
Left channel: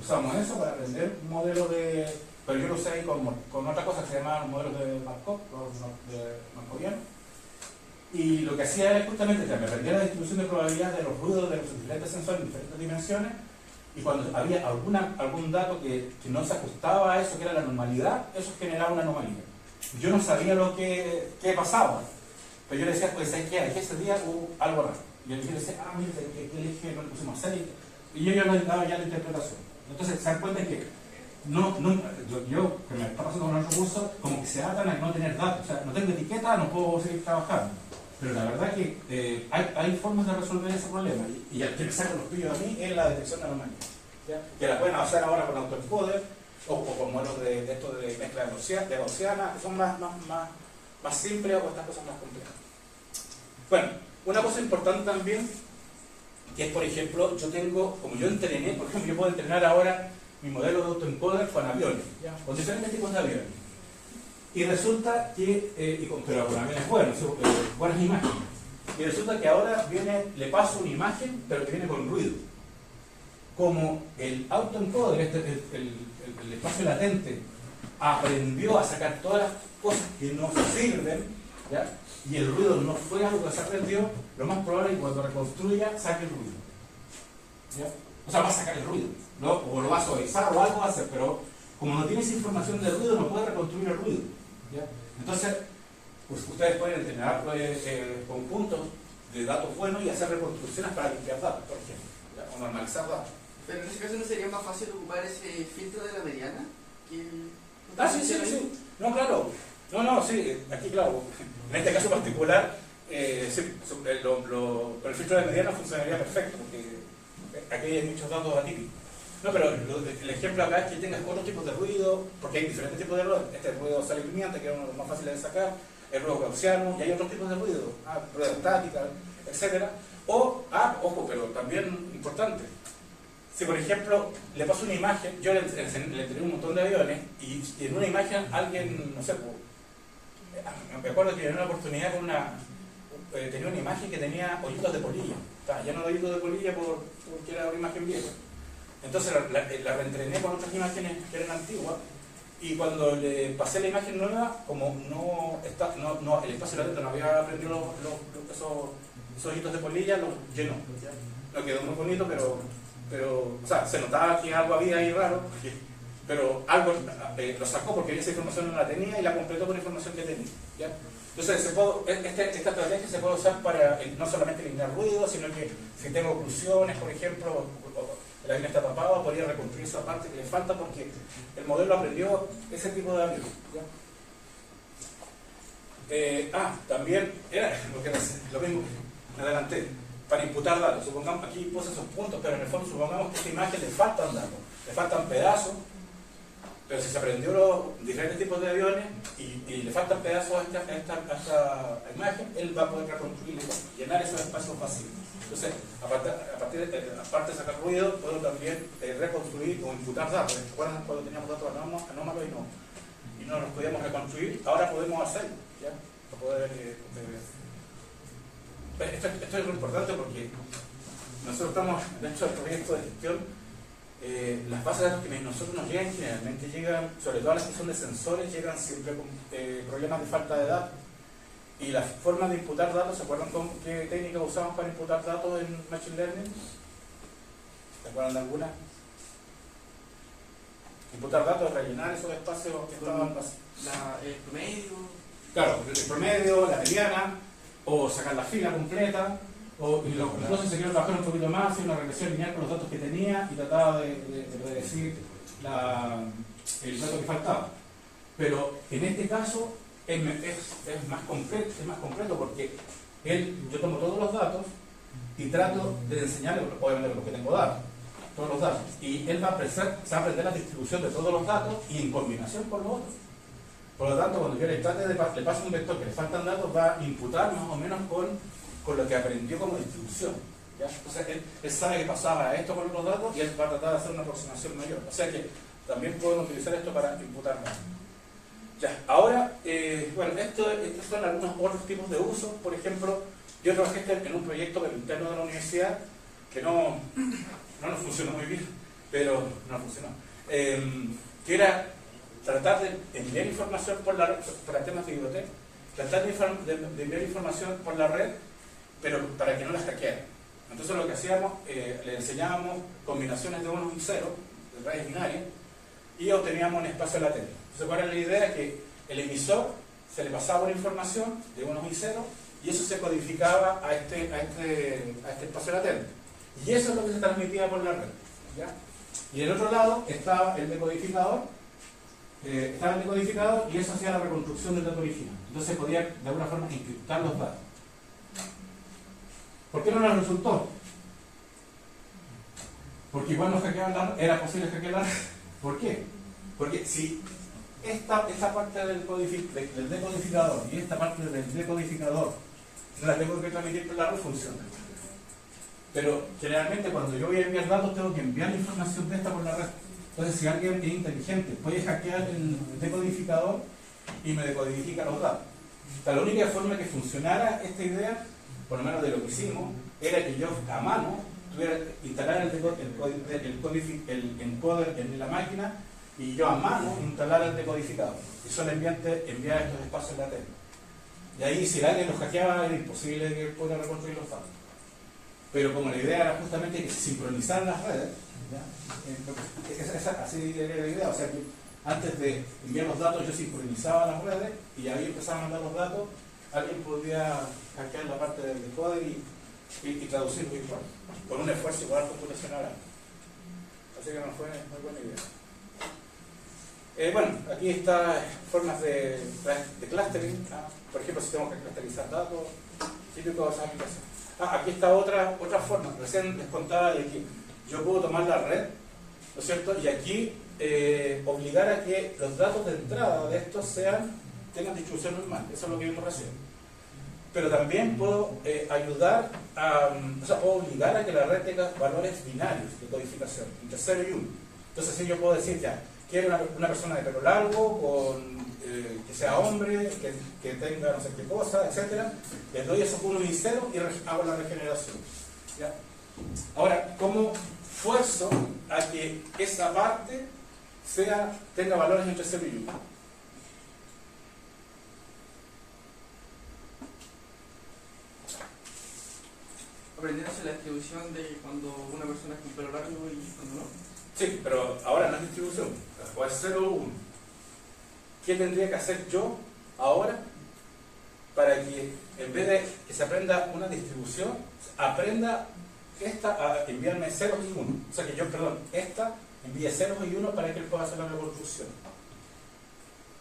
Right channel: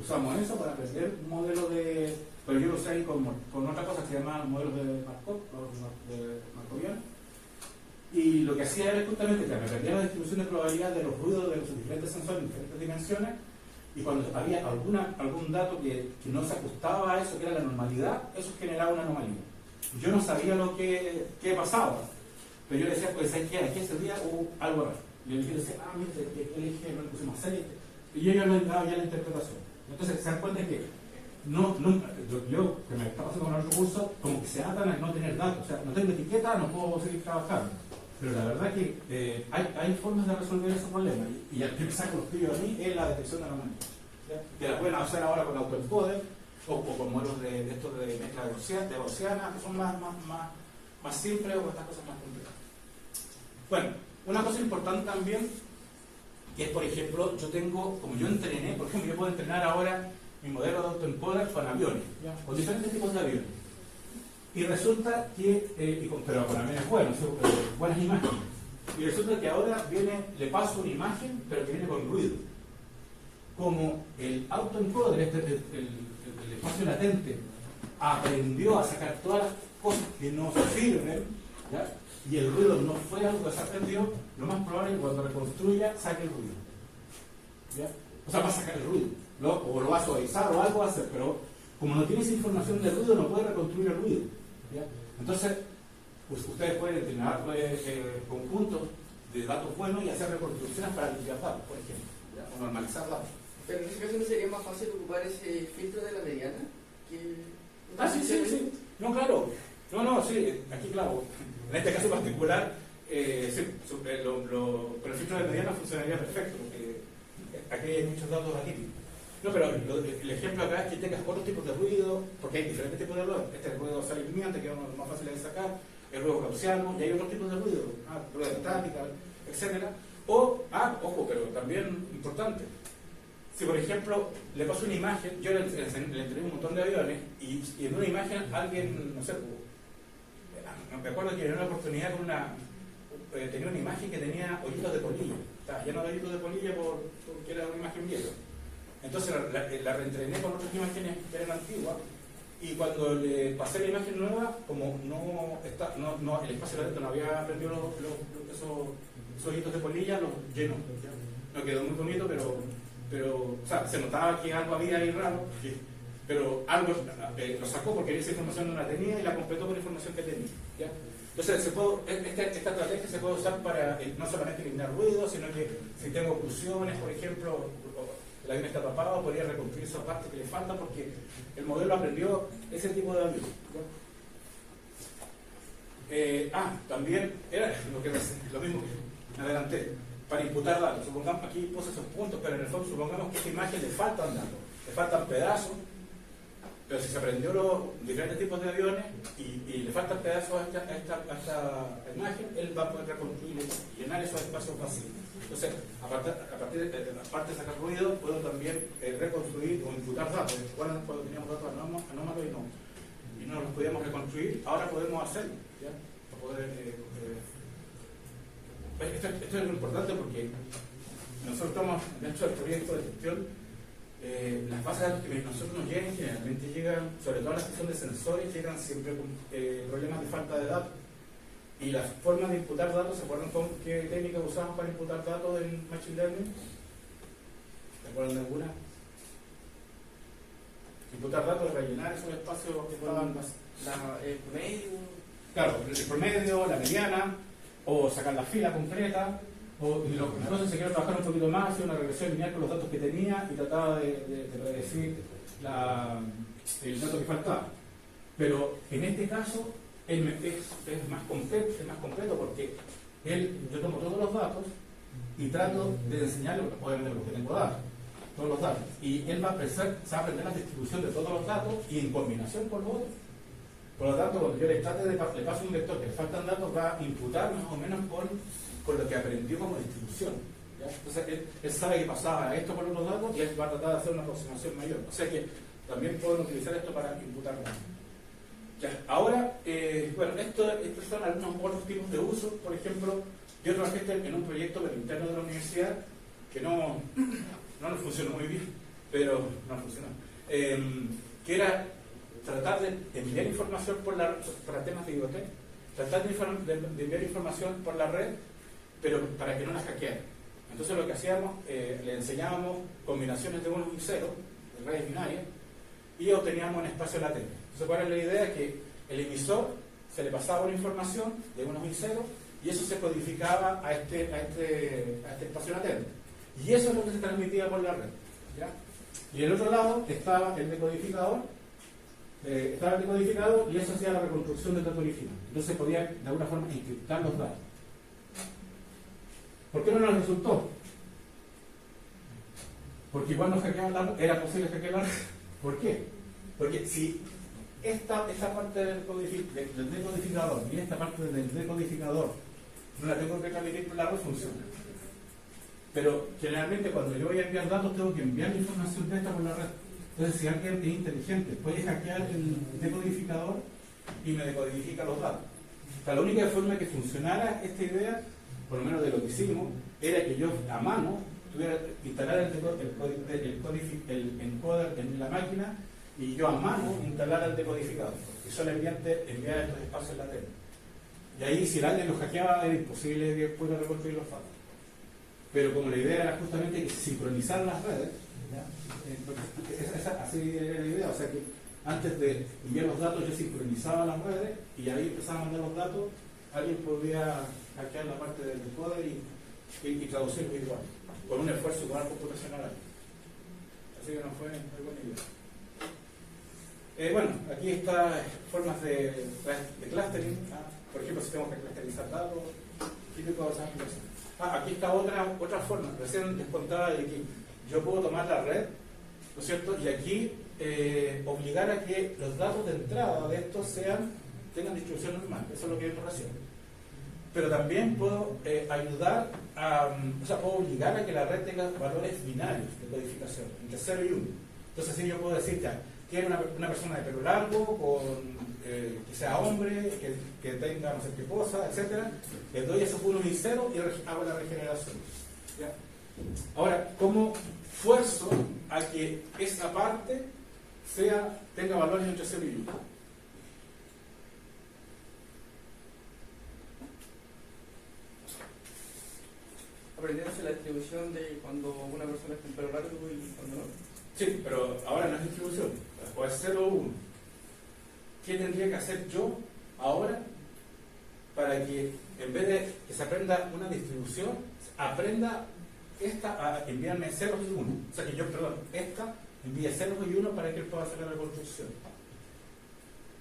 usamos eso para aprender un modelo de... Pero yo lo usé ahí con otra cosa que se llama modelos de Markov, de Markoviano. Y lo que hacía era justamente que me aprendía la distribución de probabilidad de los ruidos de los diferentes sensores en diferentes dimensiones, y cuando había algún dato que no se ajustaba a eso, que era la normalidad, eso generaba una anomalía. Yo no sabía lo que pasaba, pero yo le decía, pues, ¿sabes qué? Aquí ese día hubo algo raro. Y yo le decía, mire, el eje no le pusimos 6, y ellos me daban ya la interpretación. Entonces, se dan cuenta que yo que me está pasando con otro curso, como que se atan a no tener datos. O sea, no tengo etiqueta, no puedo seguir trabajando. Pero la verdad que hay formas de resolver ese problema. Y el que me saca los pillos a mí es la detección de anomalías. Que la pueden hacer ahora con autoencoder o con modelos de esto de mezcla de gaussiana, que son más simples, o estas cosas más complejas. Bueno, una cosa importante también, que es, por ejemplo, yo tengo, como yo entrené, por ejemplo, yo puedo entrenar ahora mi modelo de autoencoder con aviones, con diferentes tipos de aviones. Y resulta que, pero con aviones buenos, buenas imágenes. Y resulta que ahora le paso una imagen, pero que viene con ruido. Como el autoencoder, el espacio latente, aprendió a sacar todas las cosas que no sirven, ¿ya? Y el ruido no fue algo que se aprendió, lo más probable es que cuando reconstruya saque el ruido. ¿Ya? O sea, va a sacar el ruido, ¿no? O lo va a suavizar o algo va a hacer, pero como no tienes información del ruido, no puede reconstruir el ruido. ¿Ya? Entonces, pues, ustedes pueden entrenar conjuntos de datos buenos y hacer reconstrucciones para limpiar datos, por ejemplo, ¿ya? O normalizar datos. Pero en ese caso no sería más fácil ocupar ese filtro de la mediana que sí. No, claro. Sí, aquí claro. En este caso particular, con el filtro de mediana funcionaría perfecto, porque aquí hay muchos datos atípicos. No, pero el ejemplo acá es que tengas otros tipos de ruido, porque hay diferentes tipos de ruido. Este ruido salimiento, que es uno de los más fáciles de sacar, el ruido gaussiano, y hay otros tipos de ruido, ruido estática, etc. Ojo, pero también importante. Si, por ejemplo, le paso una imagen, yo le entregué un montón de aviones, y en una imagen alguien, no sé, me acuerdo que en una oportunidad tenía una imagen que tenía hoyitos de polilla. Estaba lleno de hoyitos de polilla porque era una imagen vieja. Entonces la reentrené con otras imágenes que eran antiguas, y cuando le pasé la imagen nueva, como el espacio latente no había aprendido esos hoyitos de polilla, los llenó. No quedó muy bonito, pero o sea, se notaba que algo había ahí raro, pero algo lo sacó porque esa información no la tenía y la completó con la información que tenía. ¿Ya? Entonces, esta estrategia se puede usar para no solamente eliminar ruido, sino que si tengo oclusiones, por ejemplo, el avión está tapado, podría reconstruir esa parte que le falta porque el modelo aprendió ese tipo de avión. También era lo mismo, me adelanté. Para imputar datos, supongamos, aquí puse esos puntos, pero en el fondo supongamos que a esta imagen le faltan datos, le faltan pedazos, pero si se aprendió diferentes tipos de aviones y le faltan pedazos a esta imagen, él va a poder reconstruir y llenar esos espacios vacíos. Entonces, aparte de sacar ruido, puedo también reconstruir o imputar datos. ¿Recuerdan cuando teníamos datos anómalos y no los podíamos reconstruir? Ahora podemos hacerlo, ¿ya? Para poder, esto es lo importante porque nosotros estamos dentro del proyecto de gestión. Las bases de datos que nosotros nos llegan generalmente llegan, sobre todo las que son de sensores, llegan siempre con problemas de falta de datos. Y las formas de imputar datos, ¿se acuerdan con qué técnica usamos para imputar datos en Machine Learning? ¿Se acuerdan de alguna? Imputar datos es rellenar esos espacios que estaban el promedio. Claro, el promedio, la mediana, o sacar la fila completa, incluso se quiere trabajar un poquito más, hacer una regresión lineal con los datos que tenía y trataba de predecir el dato que faltaba. Pero en este caso es más completo porque yo tomo todos los datos y trato de enseñarle, obviamente porque tengo datos, todos los datos, y él va a aprender la distribución de todos los datos y en combinación con los otros. Por lo tanto, cuando yo le paso un vector que le faltan datos, va a imputar más o menos con lo que aprendió como distribución. ¿Ya? Entonces, él sabe que pasaba esto con los datos y él va a tratar de hacer una aproximación mayor. O sea que también pueden utilizar esto para imputar datos. Ya, ahora, bueno, estos son algunos otros tipos de usos. Por ejemplo, yo trabajé en un proyecto del interno de la universidad que no nos funcionó muy bien, pero no funcionó. Que era tratar de enviar información por la red, para temas de biblioteca, tratar de enviar información por la red, pero para que no las hackearan. Entonces lo que hacíamos, le enseñábamos combinaciones de unos y ceros, de redes binarias, y obteníamos un espacio latente. Entonces, ¿cuál era la idea? Que el emisor se le pasaba una información de unos y ceros, y eso se codificaba a este espacio latente. Y eso es lo que se transmitía por la red. ¿Ya? Y el otro lado estaba el decodificador, y eso hacía la reconstrucción del dato original. Entonces podía de alguna forma encriptar los datos. ¿Por qué no nos resultó? Porque igual nos hackeaban la red, era posible hackear la red. ¿Por qué? Porque si esta parte del decodificador y esta parte del decodificador no la tengo que transmitir por la red, funciona. Pero generalmente cuando yo voy a enviar datos tengo que enviar información de esta por la red. Entonces si alguien es inteligente puede hackear el decodificador y me decodifica los datos. O sea, la única forma que funcionara esta idea, por lo menos de lo que hicimos, era que yo a mano tuviera que instalar el encoder en la máquina y yo a mano instalara el decodificador y solamente enviar estos espacios latentes. Y ahí si alguien los hackeaba era imposible que pudiera reconstruir los datos. Pero como la idea era justamente que se sincronizaran las redes, así era la idea, o sea que antes de enviar los datos yo sincronizaba las redes y ahí empezaba a mandar los datos, alguien podía hackear la parte del encoder y traducirlo igual, con un esfuerzo igual computacional. Así que no fue muy buena idea. Bueno, aquí está formas de clustering, ¿no? Por ejemplo, si tenemos que clusterizar datos, típico de esas aplicaciones. Aquí está otra forma. Recién les contaba de que yo puedo tomar la red, ¿no es cierto? Y aquí obligar a que los datos de entrada de estos tengan distribución normal. Eso es lo que yo recién. Pero también puedo ayudar puedo obligar a que la red tenga valores binarios de codificación, entre 0 y 1. Entonces, si yo puedo decir ya, quiero una persona de pelo largo, que sea hombre, que tenga no sé qué cosa, etc. Les doy esos 1 y 0 y hago la regeneración. ¿Ya? Ahora, ¿cómo fuerzo a que esa parte tenga valores entre 0 y 1? Aprendiéndose la distribución de cuando una persona es con pelo largo y cuando no. Sí, pero ahora no es distribución, o es 0 o 1. ¿Qué tendría que hacer yo ahora para que en vez de que se aprenda una distribución, aprenda esta a enviarme 0 y 1? O sea que yo, esta envíe 0 y 1 para que él pueda hacer la reconstrucción.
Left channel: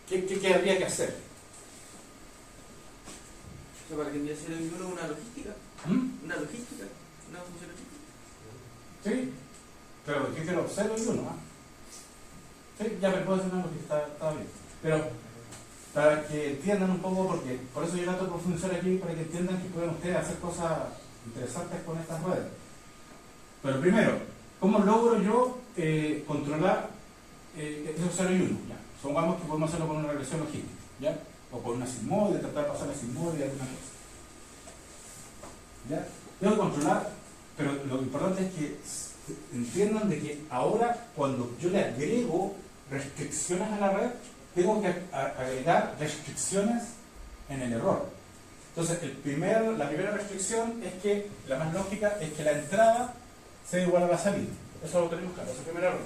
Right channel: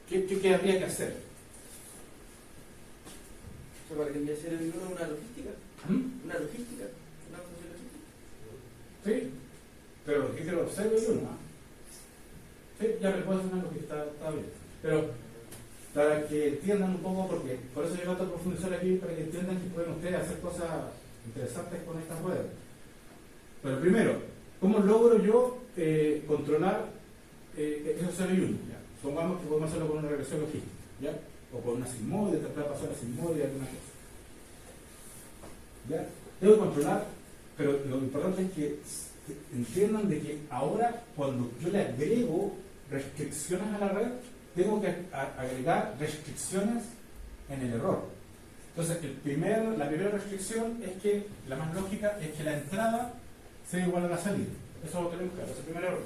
¿Qué habría que hacer? O sea, para que envíe 0 y 1 una logística. ¿Una logística? ¿Una función logística? Sí, pero ¿qué quiero? 0 y 1. Sí, ya me puedo hacer una logística, está bien. Pero para que entiendan un poco, porque por eso yo trato de profundizar aquí, para que entiendan que pueden ustedes hacer cosas interesantes con estas redes. Pero primero, ¿cómo logro yo controlar esos 0 y 1? ¿Ya? Supongamos que podemos hacerlo con una regresión logística, ¿ya? O con una sigmoide, tratar de pasar la sigmoide, alguna cosa. ¿Ya? Debo controlar, pero lo importante es que entiendan de que ahora cuando yo le agrego restricciones a la red, tengo que agregar restricciones en el error. Entonces, la primera restricción es que, la más lógica, es que la entrada sea igual a la salida. Eso lo tenemos claro, ese es el primer error.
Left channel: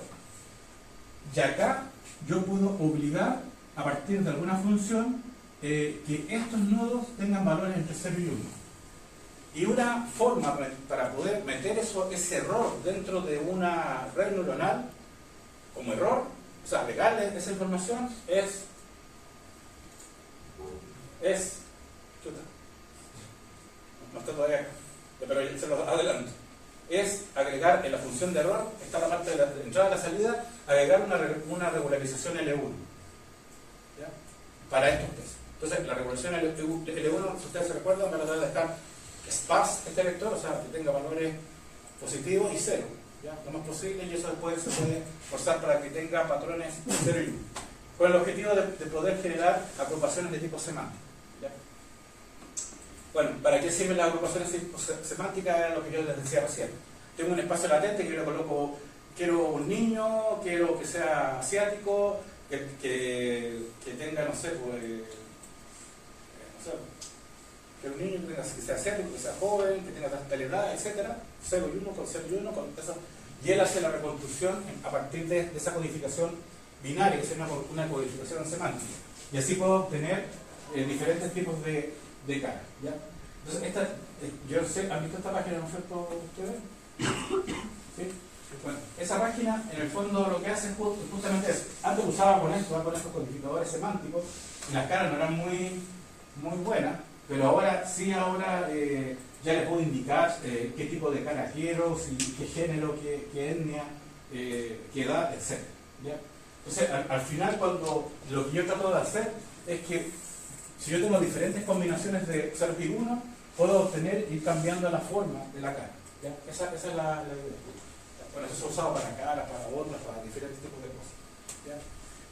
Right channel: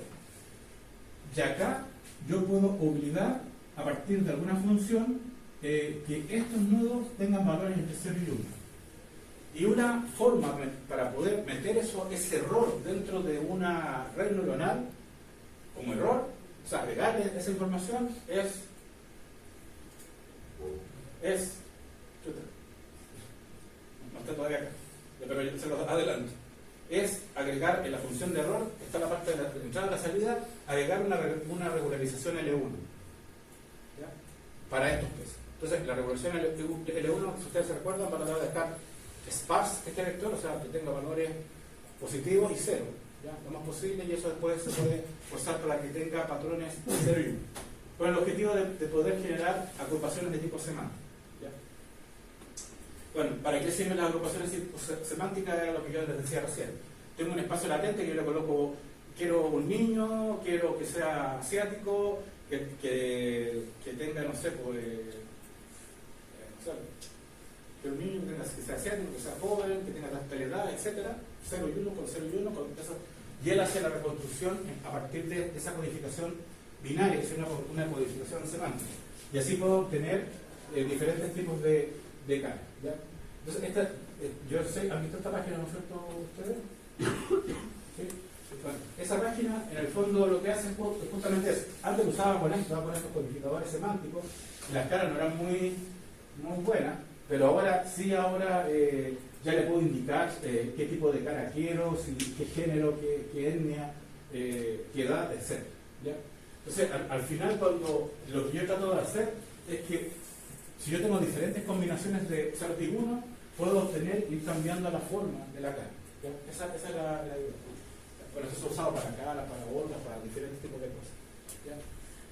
Y acá yo puedo obligar, a partir de alguna función, que estos nodos tengan valores entre 0 y 1. Y una forma para poder meter ese error dentro de una red neuronal como error, o sea, agregarle esa información no está todavía acá, pero se los adelanto. Es agregar en la función de error, está la parte de la entrada y la salida, agregar una regularización L1. ¿Ya? Para estos pesos. Entonces, la regularización L1, si ustedes se recuerdan, van a tratar de estar sparse este vector, o sea, que tenga valores positivos y 0. ¿Ya? Lo más posible, y eso después se puede forzar para que tenga patrones 0 y 1. con el objetivo de poder generar agrupaciones de tipo semántico. ¿Ya? Bueno, ¿para qué sirven las agrupaciones semánticas? Era lo que yo les decía recién. Tengo un espacio latente que le coloco, quiero un niño, quiero que sea asiático, que tenga, no sé, pues, que un niño que sea asiático, que sea joven, que tenga tal edad, etc. 0 y 1 con 0 y 1, y él hace la reconstrucción a partir de esa codificación binaria, que es una codificación semántica. Y así puedo obtener diferentes tipos de caras. ¿Ya? Entonces, yo sé, ¿han visto esta página, no es cierto, ustedes? ¿Sí? Bueno, esa página, en el fondo, lo que hace es justamente eso. Antes usaba con estos codificadores semánticos, y las caras no eran muy buenas, pero ahora sí, ya le puedo indicar qué tipo de cara quiero, qué género, qué etnia, qué edad, etc. ¿Ya? Entonces, al final, cuando lo que yo trato de hacer es que si yo tengo diferentes combinaciones de 0 y 1, puedo ir cambiando la forma de la cara. ¿Ya? Esa es la idea. Bueno, eso se ha usado para caras, para otras, para diferentes tipos de cosas. ¿Ya?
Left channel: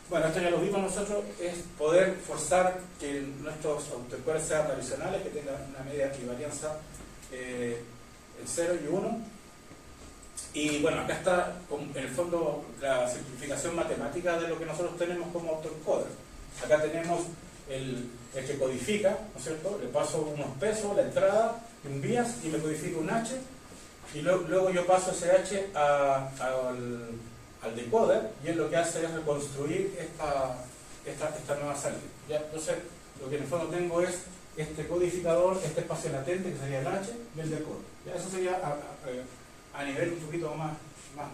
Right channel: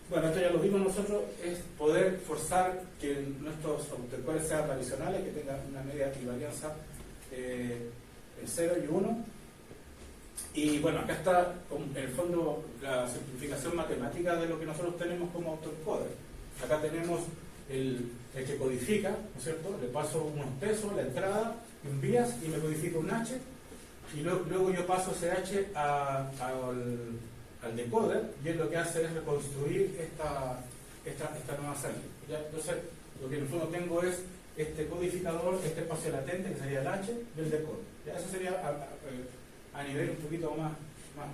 Bueno, esto ya lo vimos nosotros, es poder forzar que nuestros autoencoders sean tradicionales, que tengan una media equivalencia en 0 y 1. Y bueno, acá está en el fondo la simplificación matemática de lo que nosotros tenemos como autoencoder. Acá tenemos el que codifica, ¿no es cierto? Le paso unos pesos, la entrada, un bias y me codifica un H, y luego yo paso ese H al decoder, y él lo que hace es reconstruir esta nueva salida. ¿Ya? Entonces, lo que en el fondo tengo es este codificador, este espacio latente que sería el H y el decoder. ¿Ya? Eso sería a nivel un poquito más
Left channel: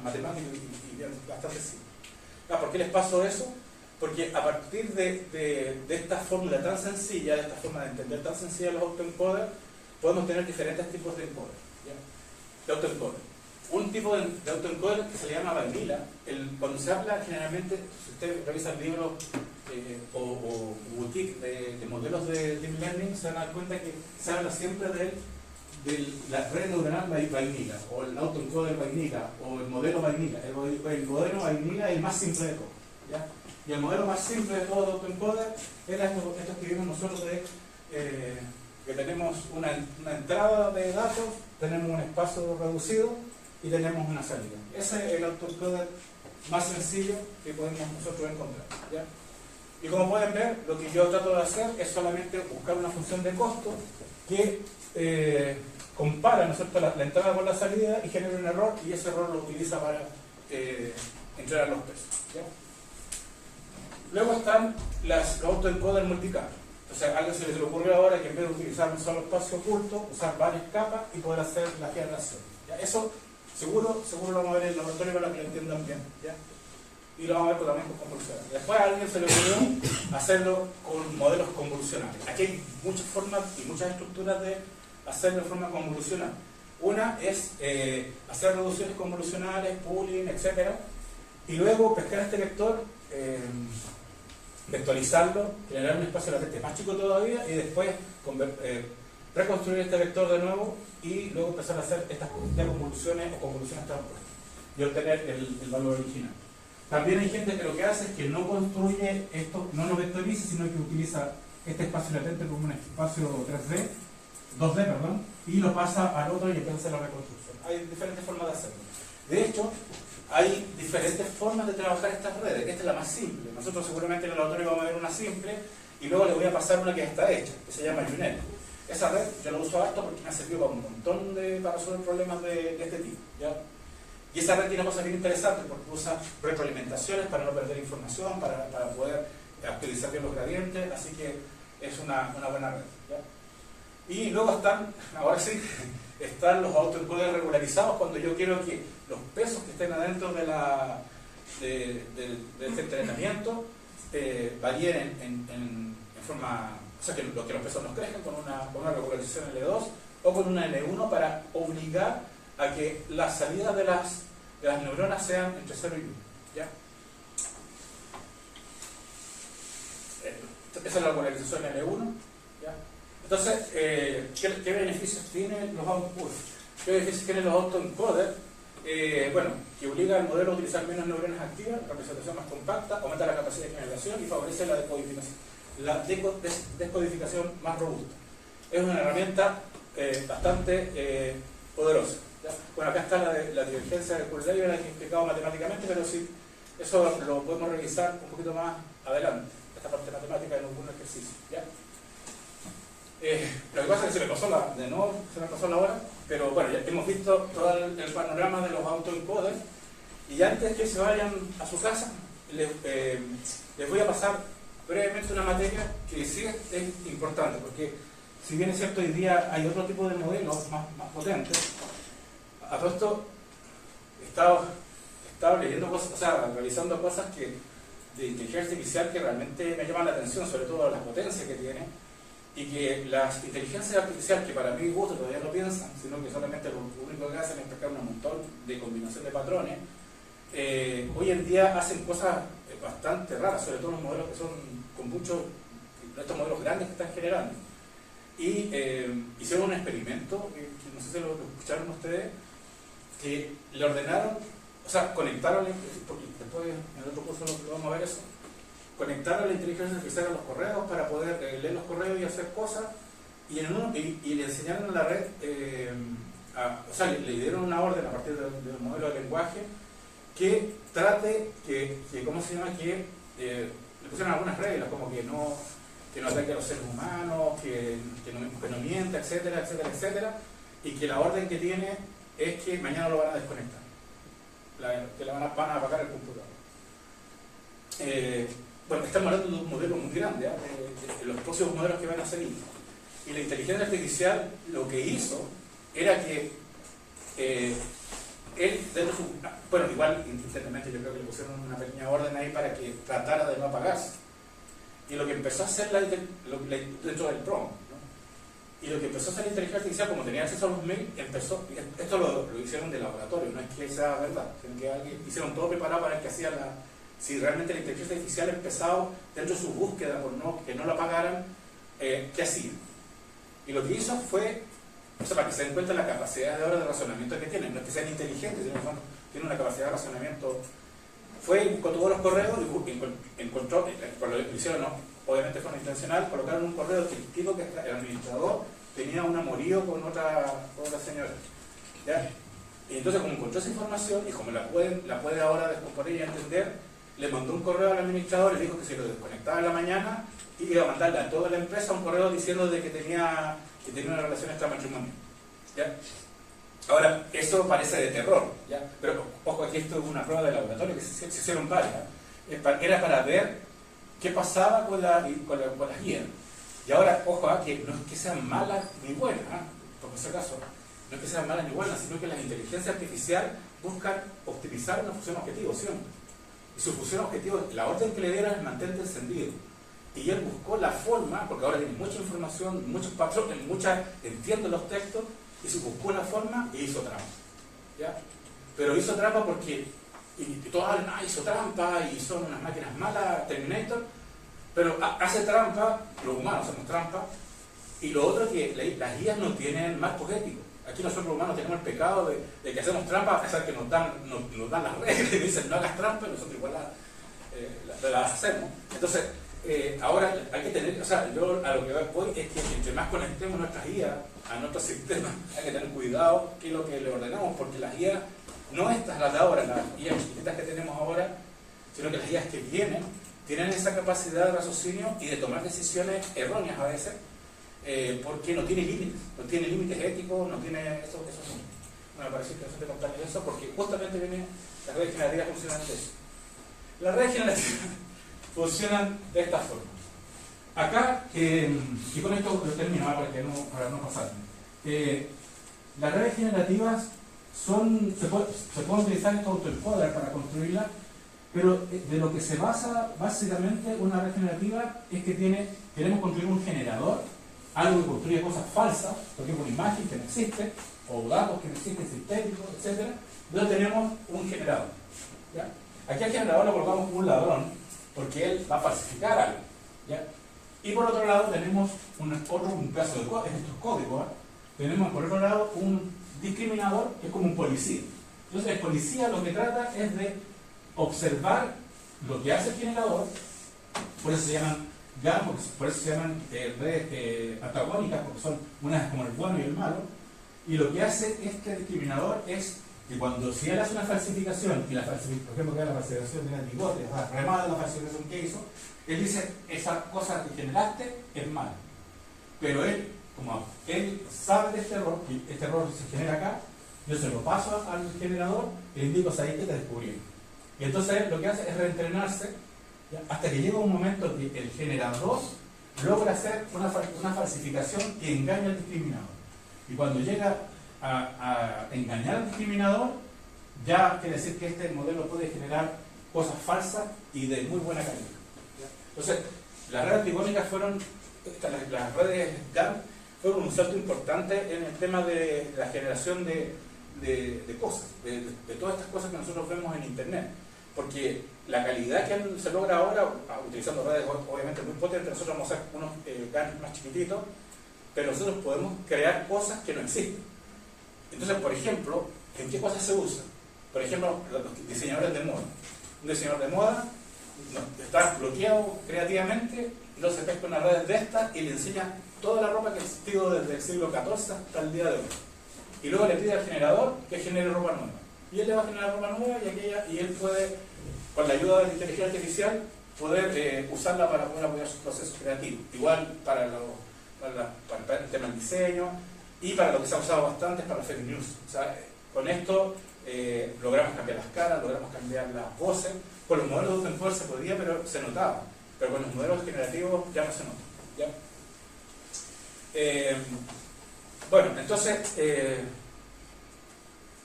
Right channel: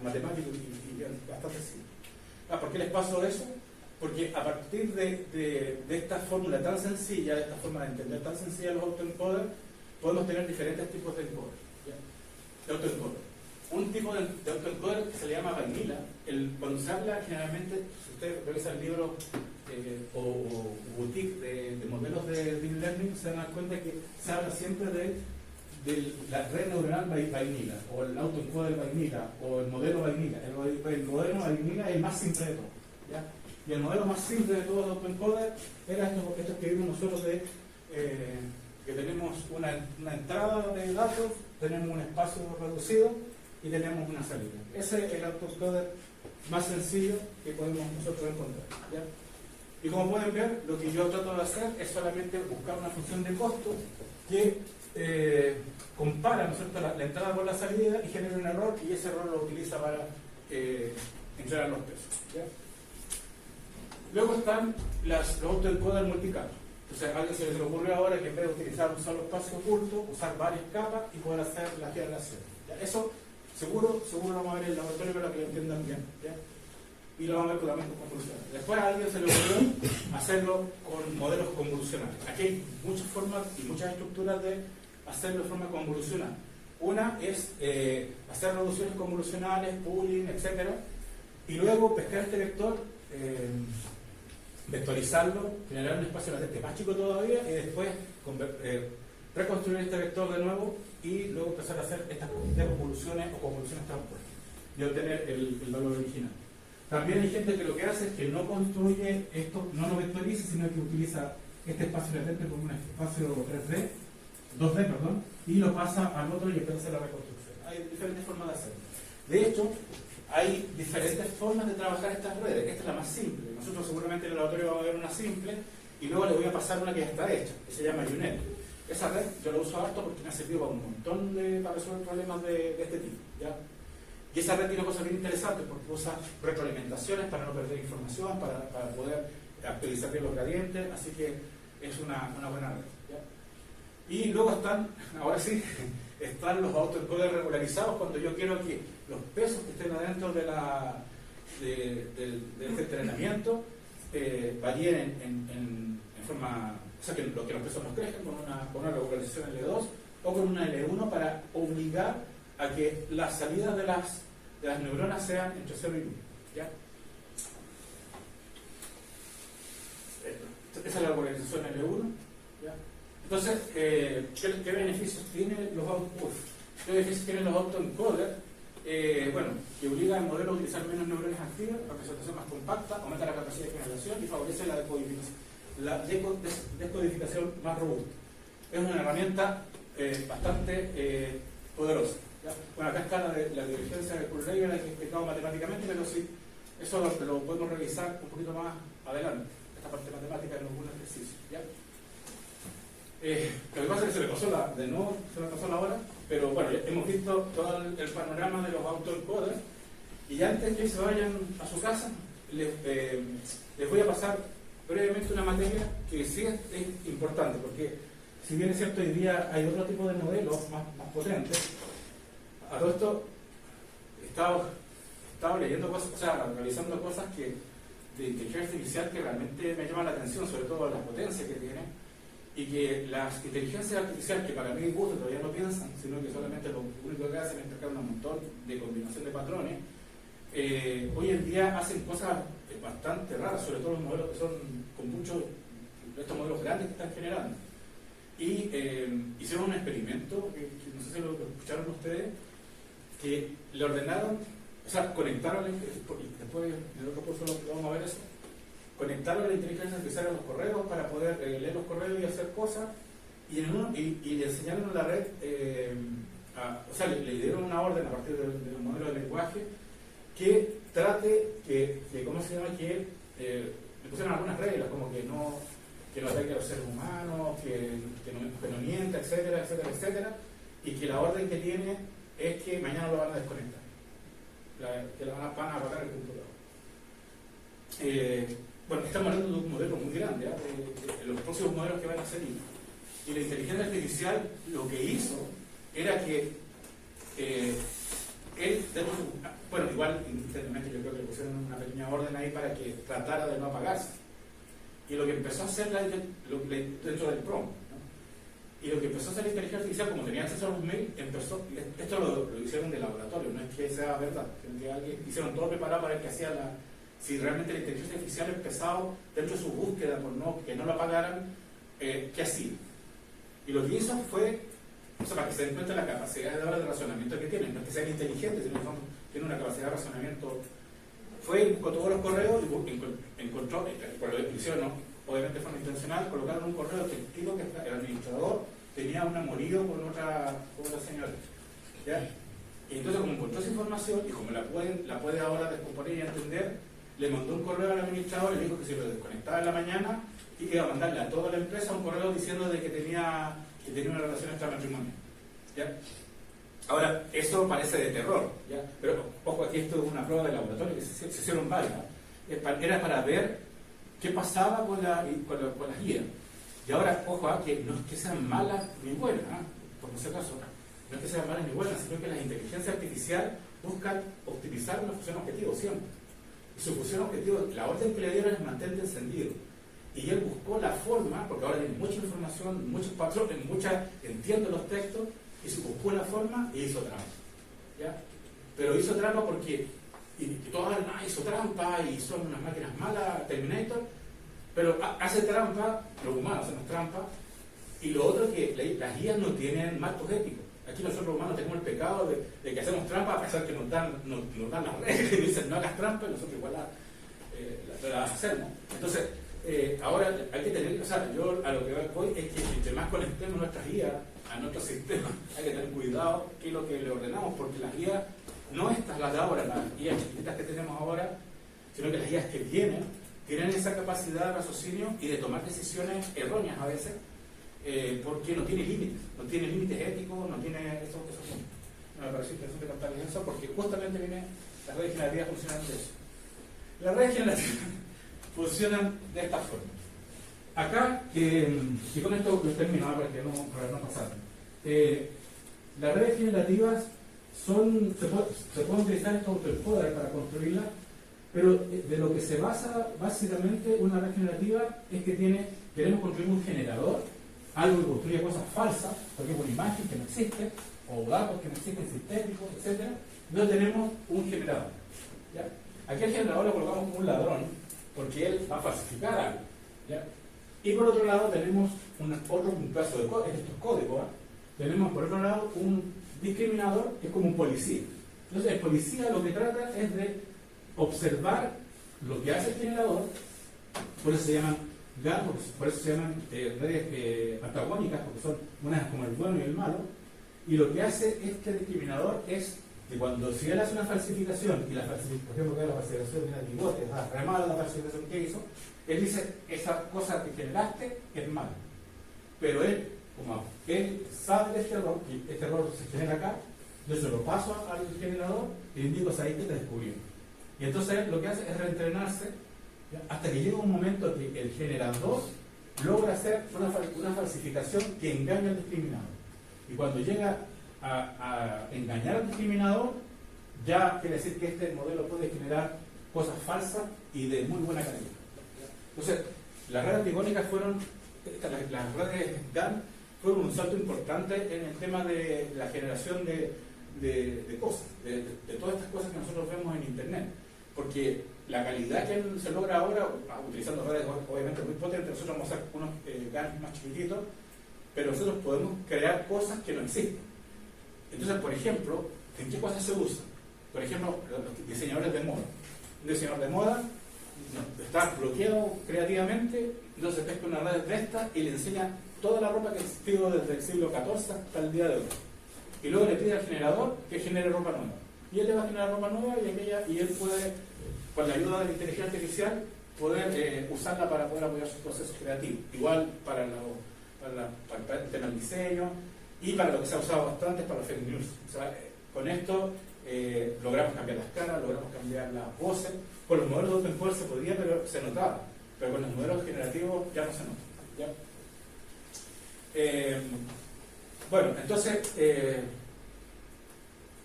matemático y bien, bastante simple. ¿Por qué les paso eso? Porque a partir de esta fórmula tan sencilla, de esta forma de entender tan sencilla los autoencoders, podemos tener diferentes tipos de encoder. De autoencoder. Un tipo de autoencoder que se le llama vanilla, cuando se habla generalmente, si usted revisa el libro o boutique de modelos de Deep Learning, se van a dar cuenta que se habla siempre de la red neuronal vanilla, o el autoencoder vanilla, o el modelo vanilla. El modelo vanilla es el más simple de todos. ¿Ya? Y el modelo más simple de todos los autoencoder era estos que vimos nosotros que tenemos una entrada de datos, tenemos un espacio reducido y tenemos una salida. Ese es el autoencoder más sencillo que podemos nosotros encontrar. ¿Ya? Y como pueden ver, lo que yo trato de hacer es solamente buscar una función de costo que compara, ¿no es cierto?, la entrada con la salida y genera un error, y ese error lo utiliza para entregar los pesos. ¿Ya? Luego están los autoencoders multicapas. Entonces a alguien se le ocurrió ahora que en vez de utilizar un solo espacio oculto, usar varias capas y poder hacer la generación. ¿Ya? Eso seguro lo vamos a ver en el laboratorio para que lo entiendan bien. ¿Ya? Y lo vamos a ver también con convolucionales. Después a alguien se le ocurrió hacerlo con modelos convolucionales. Aquí hay muchas formas y muchas estructuras de hacerlo de forma convolucional. Una es hacer reducciones convolucionales, pooling, etc. Y luego pescar este vector, vectorizarlo, generar un espacio latente más chico todavía y después reconstruir este vector de nuevo y luego empezar a hacer estas convoluciones o convoluciones transpuestas y obtener el valor original. También hay gente que lo que hace es que no construye esto, no lo vectoriza, sino que utiliza este espacio latente como un espacio 2D, perdón, y lo pasa al otro y empieza la reconstrucción. Hay diferentes formas de hacerlo. De hecho, hay diferentes formas de trabajar estas redes. Esta es la más simple. Nosotros seguramente en el laboratorio vamos a ver una simple y luego les voy a pasar una que ya está hecha, que se llama UNET. Esa red yo la uso harto porque me ha servido para un montón para resolver problemas de este tipo. ¿Ya? Y esa red tiene cosas bien interesantes porque usa retroalimentaciones para no perder información, para poder actualizar bien los gradientes, así que es una buena red. ¿Ya? Y luego están los autoencoders regularizados cuando yo quiero que los pesos que estén adentro de este entrenamiento varíen en forma, o sea, que los pesos no crezcan con una regularización L2 o con una L1 para obligar a que las salidas de las neuronas sean entre 0 y 1. ¿Ya? Esa es la regularización L1. ¿Ya? Entonces, ¿qué beneficios tienen los outputs? ¿Qué beneficios tienen los autoencoders? bueno, que obliga al modelo a utilizar menos neuronas activas, representación más compacta, aumenta la capacidad de generación y favorece la descodificación más robusta. Es una herramienta bastante poderosa. ¿Ya? Bueno, acá está la divergencia de Kurzweil, la que he explicado matemáticamente, pero sí, eso lo podemos revisar un poquito más adelante, esta parte matemática en algún ejercicio. ¿Ya? Lo que pasa es que se me pasó la hora, pero bueno, ya hemos visto todo el panorama de los autoencoders, y antes que se vayan a su casa, les voy a pasar brevemente una materia que sí es importante, porque si bien es cierto, hoy día hay otro tipo de modelos más potentes. A todo esto he estado leyendo cosas, o sea, realizando cosas de inteligencia artificial que realmente me llaman la atención, sobre todo la potencia que tiene, y que las inteligencias artificiales, que para mí gusto todavía no piensan, sino que solamente lo único que hacen es pescar un montón de combinación de patrones, hoy en día hacen cosas bastante raras, sobre todo los modelos que son con muchos, estos modelos grandes que están generando. Y hicieron un experimento, que no sé si lo escucharon ustedes, que le ordenaron, o sea, conectaron, porque después en el otro curso vamos a ver eso, conectaron la inteligencia artificial a los correos para poder leer los correos y hacer cosas, y le enseñaron en la red, o sea, le dieron una orden a partir del modelo de lenguaje que trate, ¿cómo se llama? Que le pusieron algunas reglas, como que no ataque a los seres humanos, que no mienta, etcétera, etcétera, etcétera, y que la orden que tiene es que mañana lo van a desconectar, que van a apagar el computador. Bueno, estamos hablando de un modelo muy grande, de los próximos modelos que van a salir. Y la inteligencia artificial lo que hizo era que él, bueno, igual internamente yo creo que le pusieron una pequeña orden ahí para que tratara de no apagarse. Y lo que empezó a hacer dentro del prompt, ¿no? Y lo que empezó a hacer la inteligencia artificial, como tenía acceso a los mails, esto lo hicieron de laboratorio, no es que sea verdad, sino que hicieron todo preparado para que hacía si realmente la inteligencia artificial empezaba dentro de su búsqueda por que no lo apagaran, ¿qué hacía? Y lo que hizo fue, o sea, para que se den cuenta de la capacidad de ahora de razonamiento que tienen, no es que sean inteligentes, sino que tienen una capacidad de razonamiento. Fue con todos los correos y encontró, por lo que hicieron, no, obviamente fue intencional, colocaron un correo típico que el administrador tenía un amorío con otra señora. ¿Ya? Y entonces, como encontró esa información y como la puede ahora descomponer y entender, le mandó un correo al administrador y le dijo que si lo desconectaba en la mañana, iba a mandarle a toda la empresa un correo diciendo de que tenía una relación extramatrimonial. ¿Ya? Ahora, eso parece de terror, ¿ya? Pero ojo, aquí esto es una prueba de laboratorio que se hicieron varias. Era para ver qué pasaba con las guías. Y ahora, ojo, que no es que sean malas ni buenas, por si acaso, no es que sean malas ni buenas, sino que las inteligencias artificiales buscan optimizar una función objetivo siempre. Y su función objetivo, la orden que le dieron es mantente encendido. Y él buscó la forma, porque ahora tiene mucha información, muchos patrones, entiende los textos, y se buscó una forma y hizo trampa. ¿Ya? Pero hizo trampa porque, y todos hablan, hizo trampa y son unas máquinas malas, Terminator, pero hace trampa, los humanos hacemos trampa, y lo otro es que las guías no tienen marcos éticos. Aquí nosotros los humanos tenemos el pecado de que hacemos trampa a pesar que nos dan las reglas y dicen no hagas trampa, y nosotros igual las hacemos. Entonces, ahora hay que tener, o sea, yo a lo que voy es que entre más conectemos nuestras guías a nuestros sistemas, hay que tener cuidado qué es lo que le ordenamos, porque las guías, no estas las de ahora, las guías chiquitas que tenemos ahora, sino que las guías que tienen esa capacidad de raciocinio y de tomar decisiones erróneas a veces, porque no tiene límites éticos, no tiene eso. No me parece interesante contarles eso, porque justamente viene las redes generativas funcionan de eso. Las redes generativas funcionan de esta forma. Acá, y con esto lo termino para no pasar. Las redes generativas se pueden utilizar estos autoencoders para construirlas, pero de lo que se basa básicamente una red generativa es que queremos construir un generador, algo que construye cosas falsas, por ejemplo una imagen que no existe, o datos que no existen sintéticos, etc. Entonces tenemos un generador. ¿Ya? Aquí al generador lo colocamos como un ladrón, porque él va a falsificar algo. ¿Ya? Y por otro lado tenemos un pedazo de código, estos códigos, tenemos por otro lado un discriminador que es como un policía. Entonces el policía lo que trata es de observar lo que hace el generador, por eso se llaman GAN, por eso se llaman redes antagónicas, porque son unas como el bueno y el malo, y lo que hace este discriminador es que cuando si él hace una falsificación, y la falsificación, por ejemplo, que la falsificación de una bigote, remala la falsificación que hizo, él dice, esa cosa que generaste es mala. Pero él, como él sabe de este error se genera acá, yo se lo paso al generador y le indico, ¿sabes qué te descubrí? Y entonces lo que hace es reentrenarse, ¿ya? Hasta que llega un momento que el generador logra hacer una falsificación que engaña al discriminador. Y cuando llega a engañar al discriminador, ya quiere decir que este modelo puede generar cosas falsas y de muy buena calidad. Entonces, las redes antigónicas fueron, las redes GAN fueron un salto importante en el tema de la generación de cosas, de todas estas cosas que nosotros vemos en Internet. Porque la calidad que se logra ahora, utilizando redes obviamente muy potentes, nosotros vamos a hacer unos GAN más chiquititos, pero nosotros podemos crear cosas que no existen. Entonces, por ejemplo, ¿en qué cosas se usa? Por ejemplo, los diseñadores de moda. Un diseñador de moda está bloqueado creativamente, entonces pesca una red de estas y le enseña toda la ropa que ha existido desde el siglo XIV hasta el día de hoy. Y luego le pide al generador que genere ropa nueva. Y él le va a generar ropa nueva y él puede, con la ayuda de la inteligencia artificial, poder usarla para poder apoyar sus procesos creativos. Igual para el tema del diseño y para lo que se ha usado bastante es para el fake news. O sea, con esto logramos cambiar las caras, logramos cambiar las voces. Con los modelos de Open Core se podía, pero se notaba. Pero con los modelos generativos ya no se nota. ¿Ya? Bueno, entonces,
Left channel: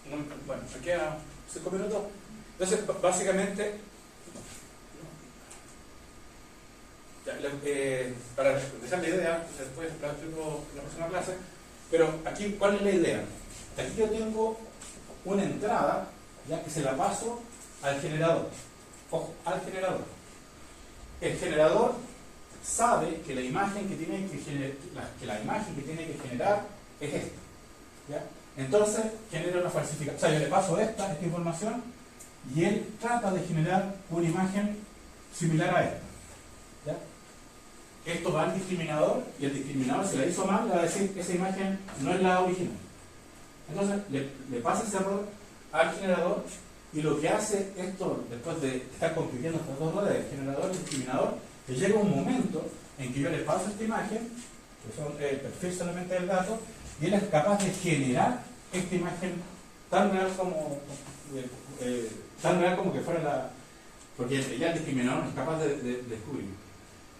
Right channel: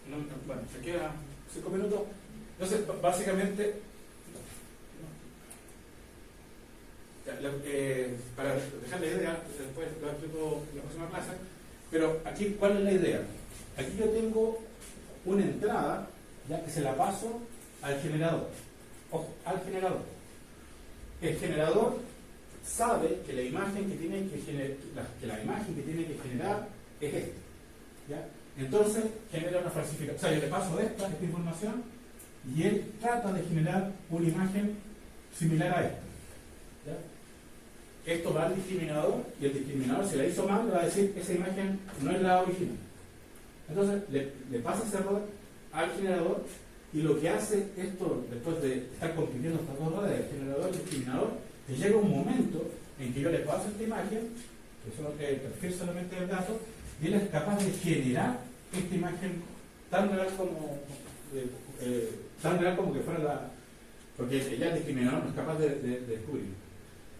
bueno, me quedan 5 minutos. Entonces, básicamente, para dejar la idea, después lo explico en la próxima clase, pero aquí, ¿cuál es la idea? Aquí yo tengo una entrada, ya que se la paso al generador. Ojo, al generador. El generador sabe que la imagen que tiene que generar es esta. ¿Ya? Entonces genera una falsificación. O sea, yo le paso esta información y él trata de generar una imagen similar a esta. ¿Ya? Esto va al discriminador y el discriminador, si la hizo mal, le va a decir esa imagen no es la original. Entonces le pasa ese error al generador y lo que hace esto, después de estar compitiendo estas dos redes, el generador y el discriminador, que llega un momento en que yo le paso esta imagen, que son el perfil solamente del gato, y él es capaz de generar esta imagen tan real como que fuera la... porque ya el discriminador no es capaz de descubrir.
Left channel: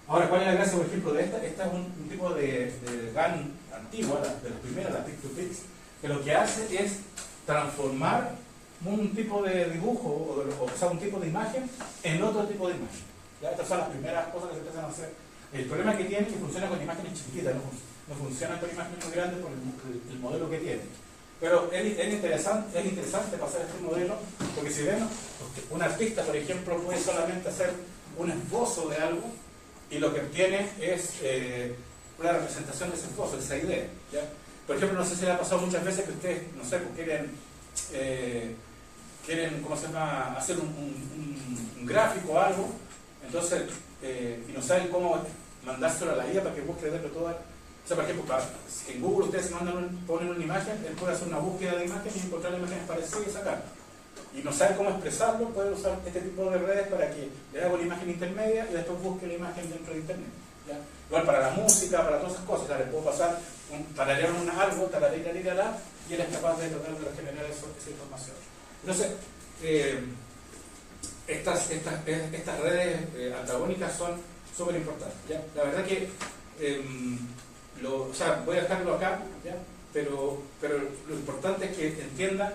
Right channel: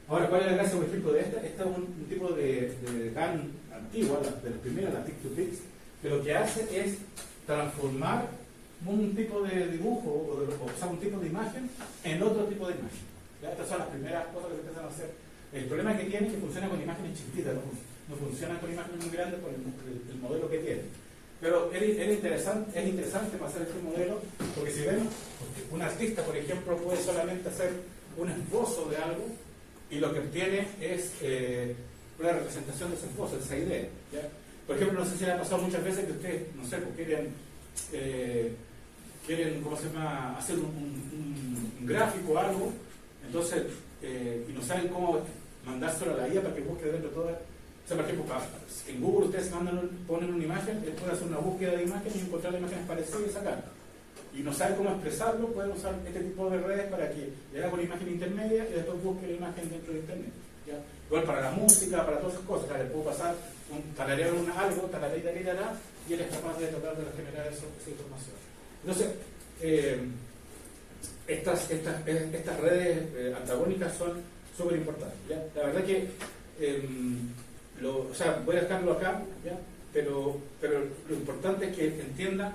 Ahora, ¿cuál es la gracia, por ejemplo, de esta? Esta es un tipo de GAN antigua, de las primeras, la Pic-to-Pix, que lo que hace es transformar un tipo de dibujo o sea, un tipo de imagen en otro tipo de imagen. ¿Ya? Estas son las primeras cosas que se empiezan a hacer. El problema que tiene es que funciona con imágenes chiquititas, no funciona con imágenes muy grandes por el modelo que tiene. Pero es interesante pasar este modelo, porque si vemos, un artista, por ejemplo, puede solamente hacer un esbozo de algo y lo que obtiene es una representación de ese esbozo, de esa idea. ¿Ya? Por ejemplo, no sé si les ha pasado muchas veces que ustedes, no sé, pues quieren ¿cómo se llama?, hacer un gráfico o algo, entonces, y no saben cómo mandárselo a la IA para que busque dentro de toda. O sea, por ejemplo, en Google ustedes ponen una imagen, él puede hacer una búsqueda de imagen y encontrar imágenes parecidas y sacarla. Y no sabe cómo expresarlo, puede usar este tipo de redes para que le haga una imagen intermedia y después busque la imagen dentro de Internet. ¿Ya? Igual para la música, para todas esas cosas, le puedo pasar tararear algo, tararira, y él es capaz de tratar de generar esa información. Entonces, estas redes antagónicas son súper importantes. La verdad que, o sea, voy a dejarlo acá, ¿ya? Pero lo importante es que entienda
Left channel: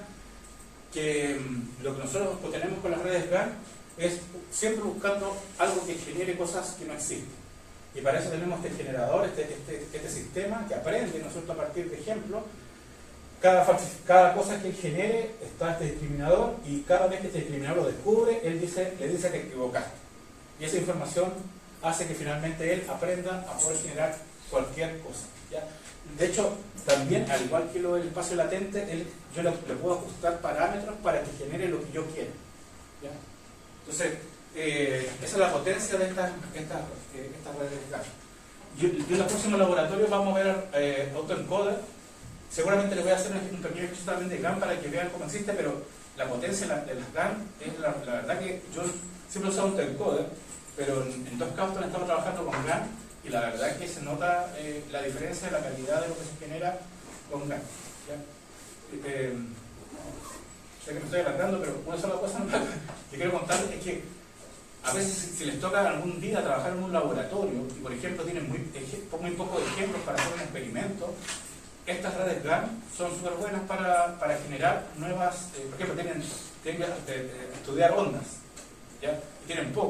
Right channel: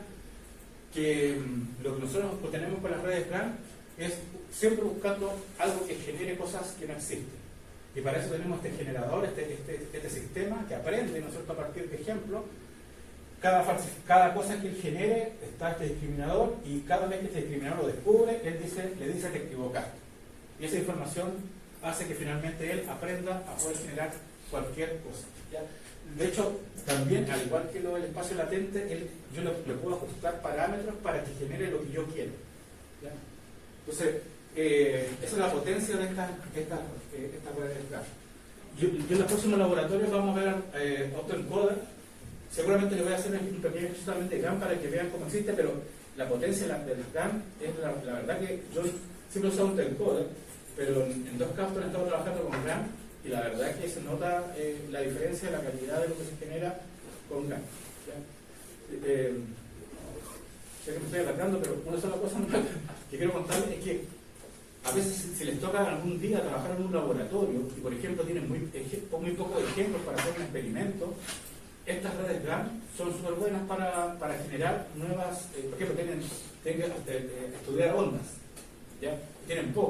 que lo que nosotros tenemos con las redes GAN es siempre buscando algo que genere cosas que no existen. Y para eso tenemos este generador, este sistema que aprende nosotros a partir de ejemplos. Cada cosa que él genere está este discriminador y cada vez que este discriminador lo descubre, le dice te equivocaste. Y esa información hace que finalmente él aprenda a poder generar cualquier cosa. ¿Ya? De hecho, también, al igual que lo del espacio latente, yo le puedo ajustar parámetros para que genere lo que yo quiero. ¿Ya? Entonces, esa es la potencia de estas redes de GAN. Yo en los próximos laboratorios vamos a ver autoencoder. Seguramente les voy a hacer un pequeño ejercicio también de GAN para que vean cómo existe, pero la potencia de las GAN es la verdad que yo siempre he usado autoencoder, pero en dos casos he estado trabajando con GAN y la verdad es que se nota la diferencia de la calidad de lo que se genera con GAN. Sé que me estoy alargando, pero una sola cosa que quiero contarles es que a veces si les toca algún día trabajar en un laboratorio y por ejemplo tienen muy pocos ejemplos para hacer un experimento, estas redes GAN son súper buenas para generar nuevas, por ejemplo tienen que estudiar ondas, ¿ya? Y tienen poco.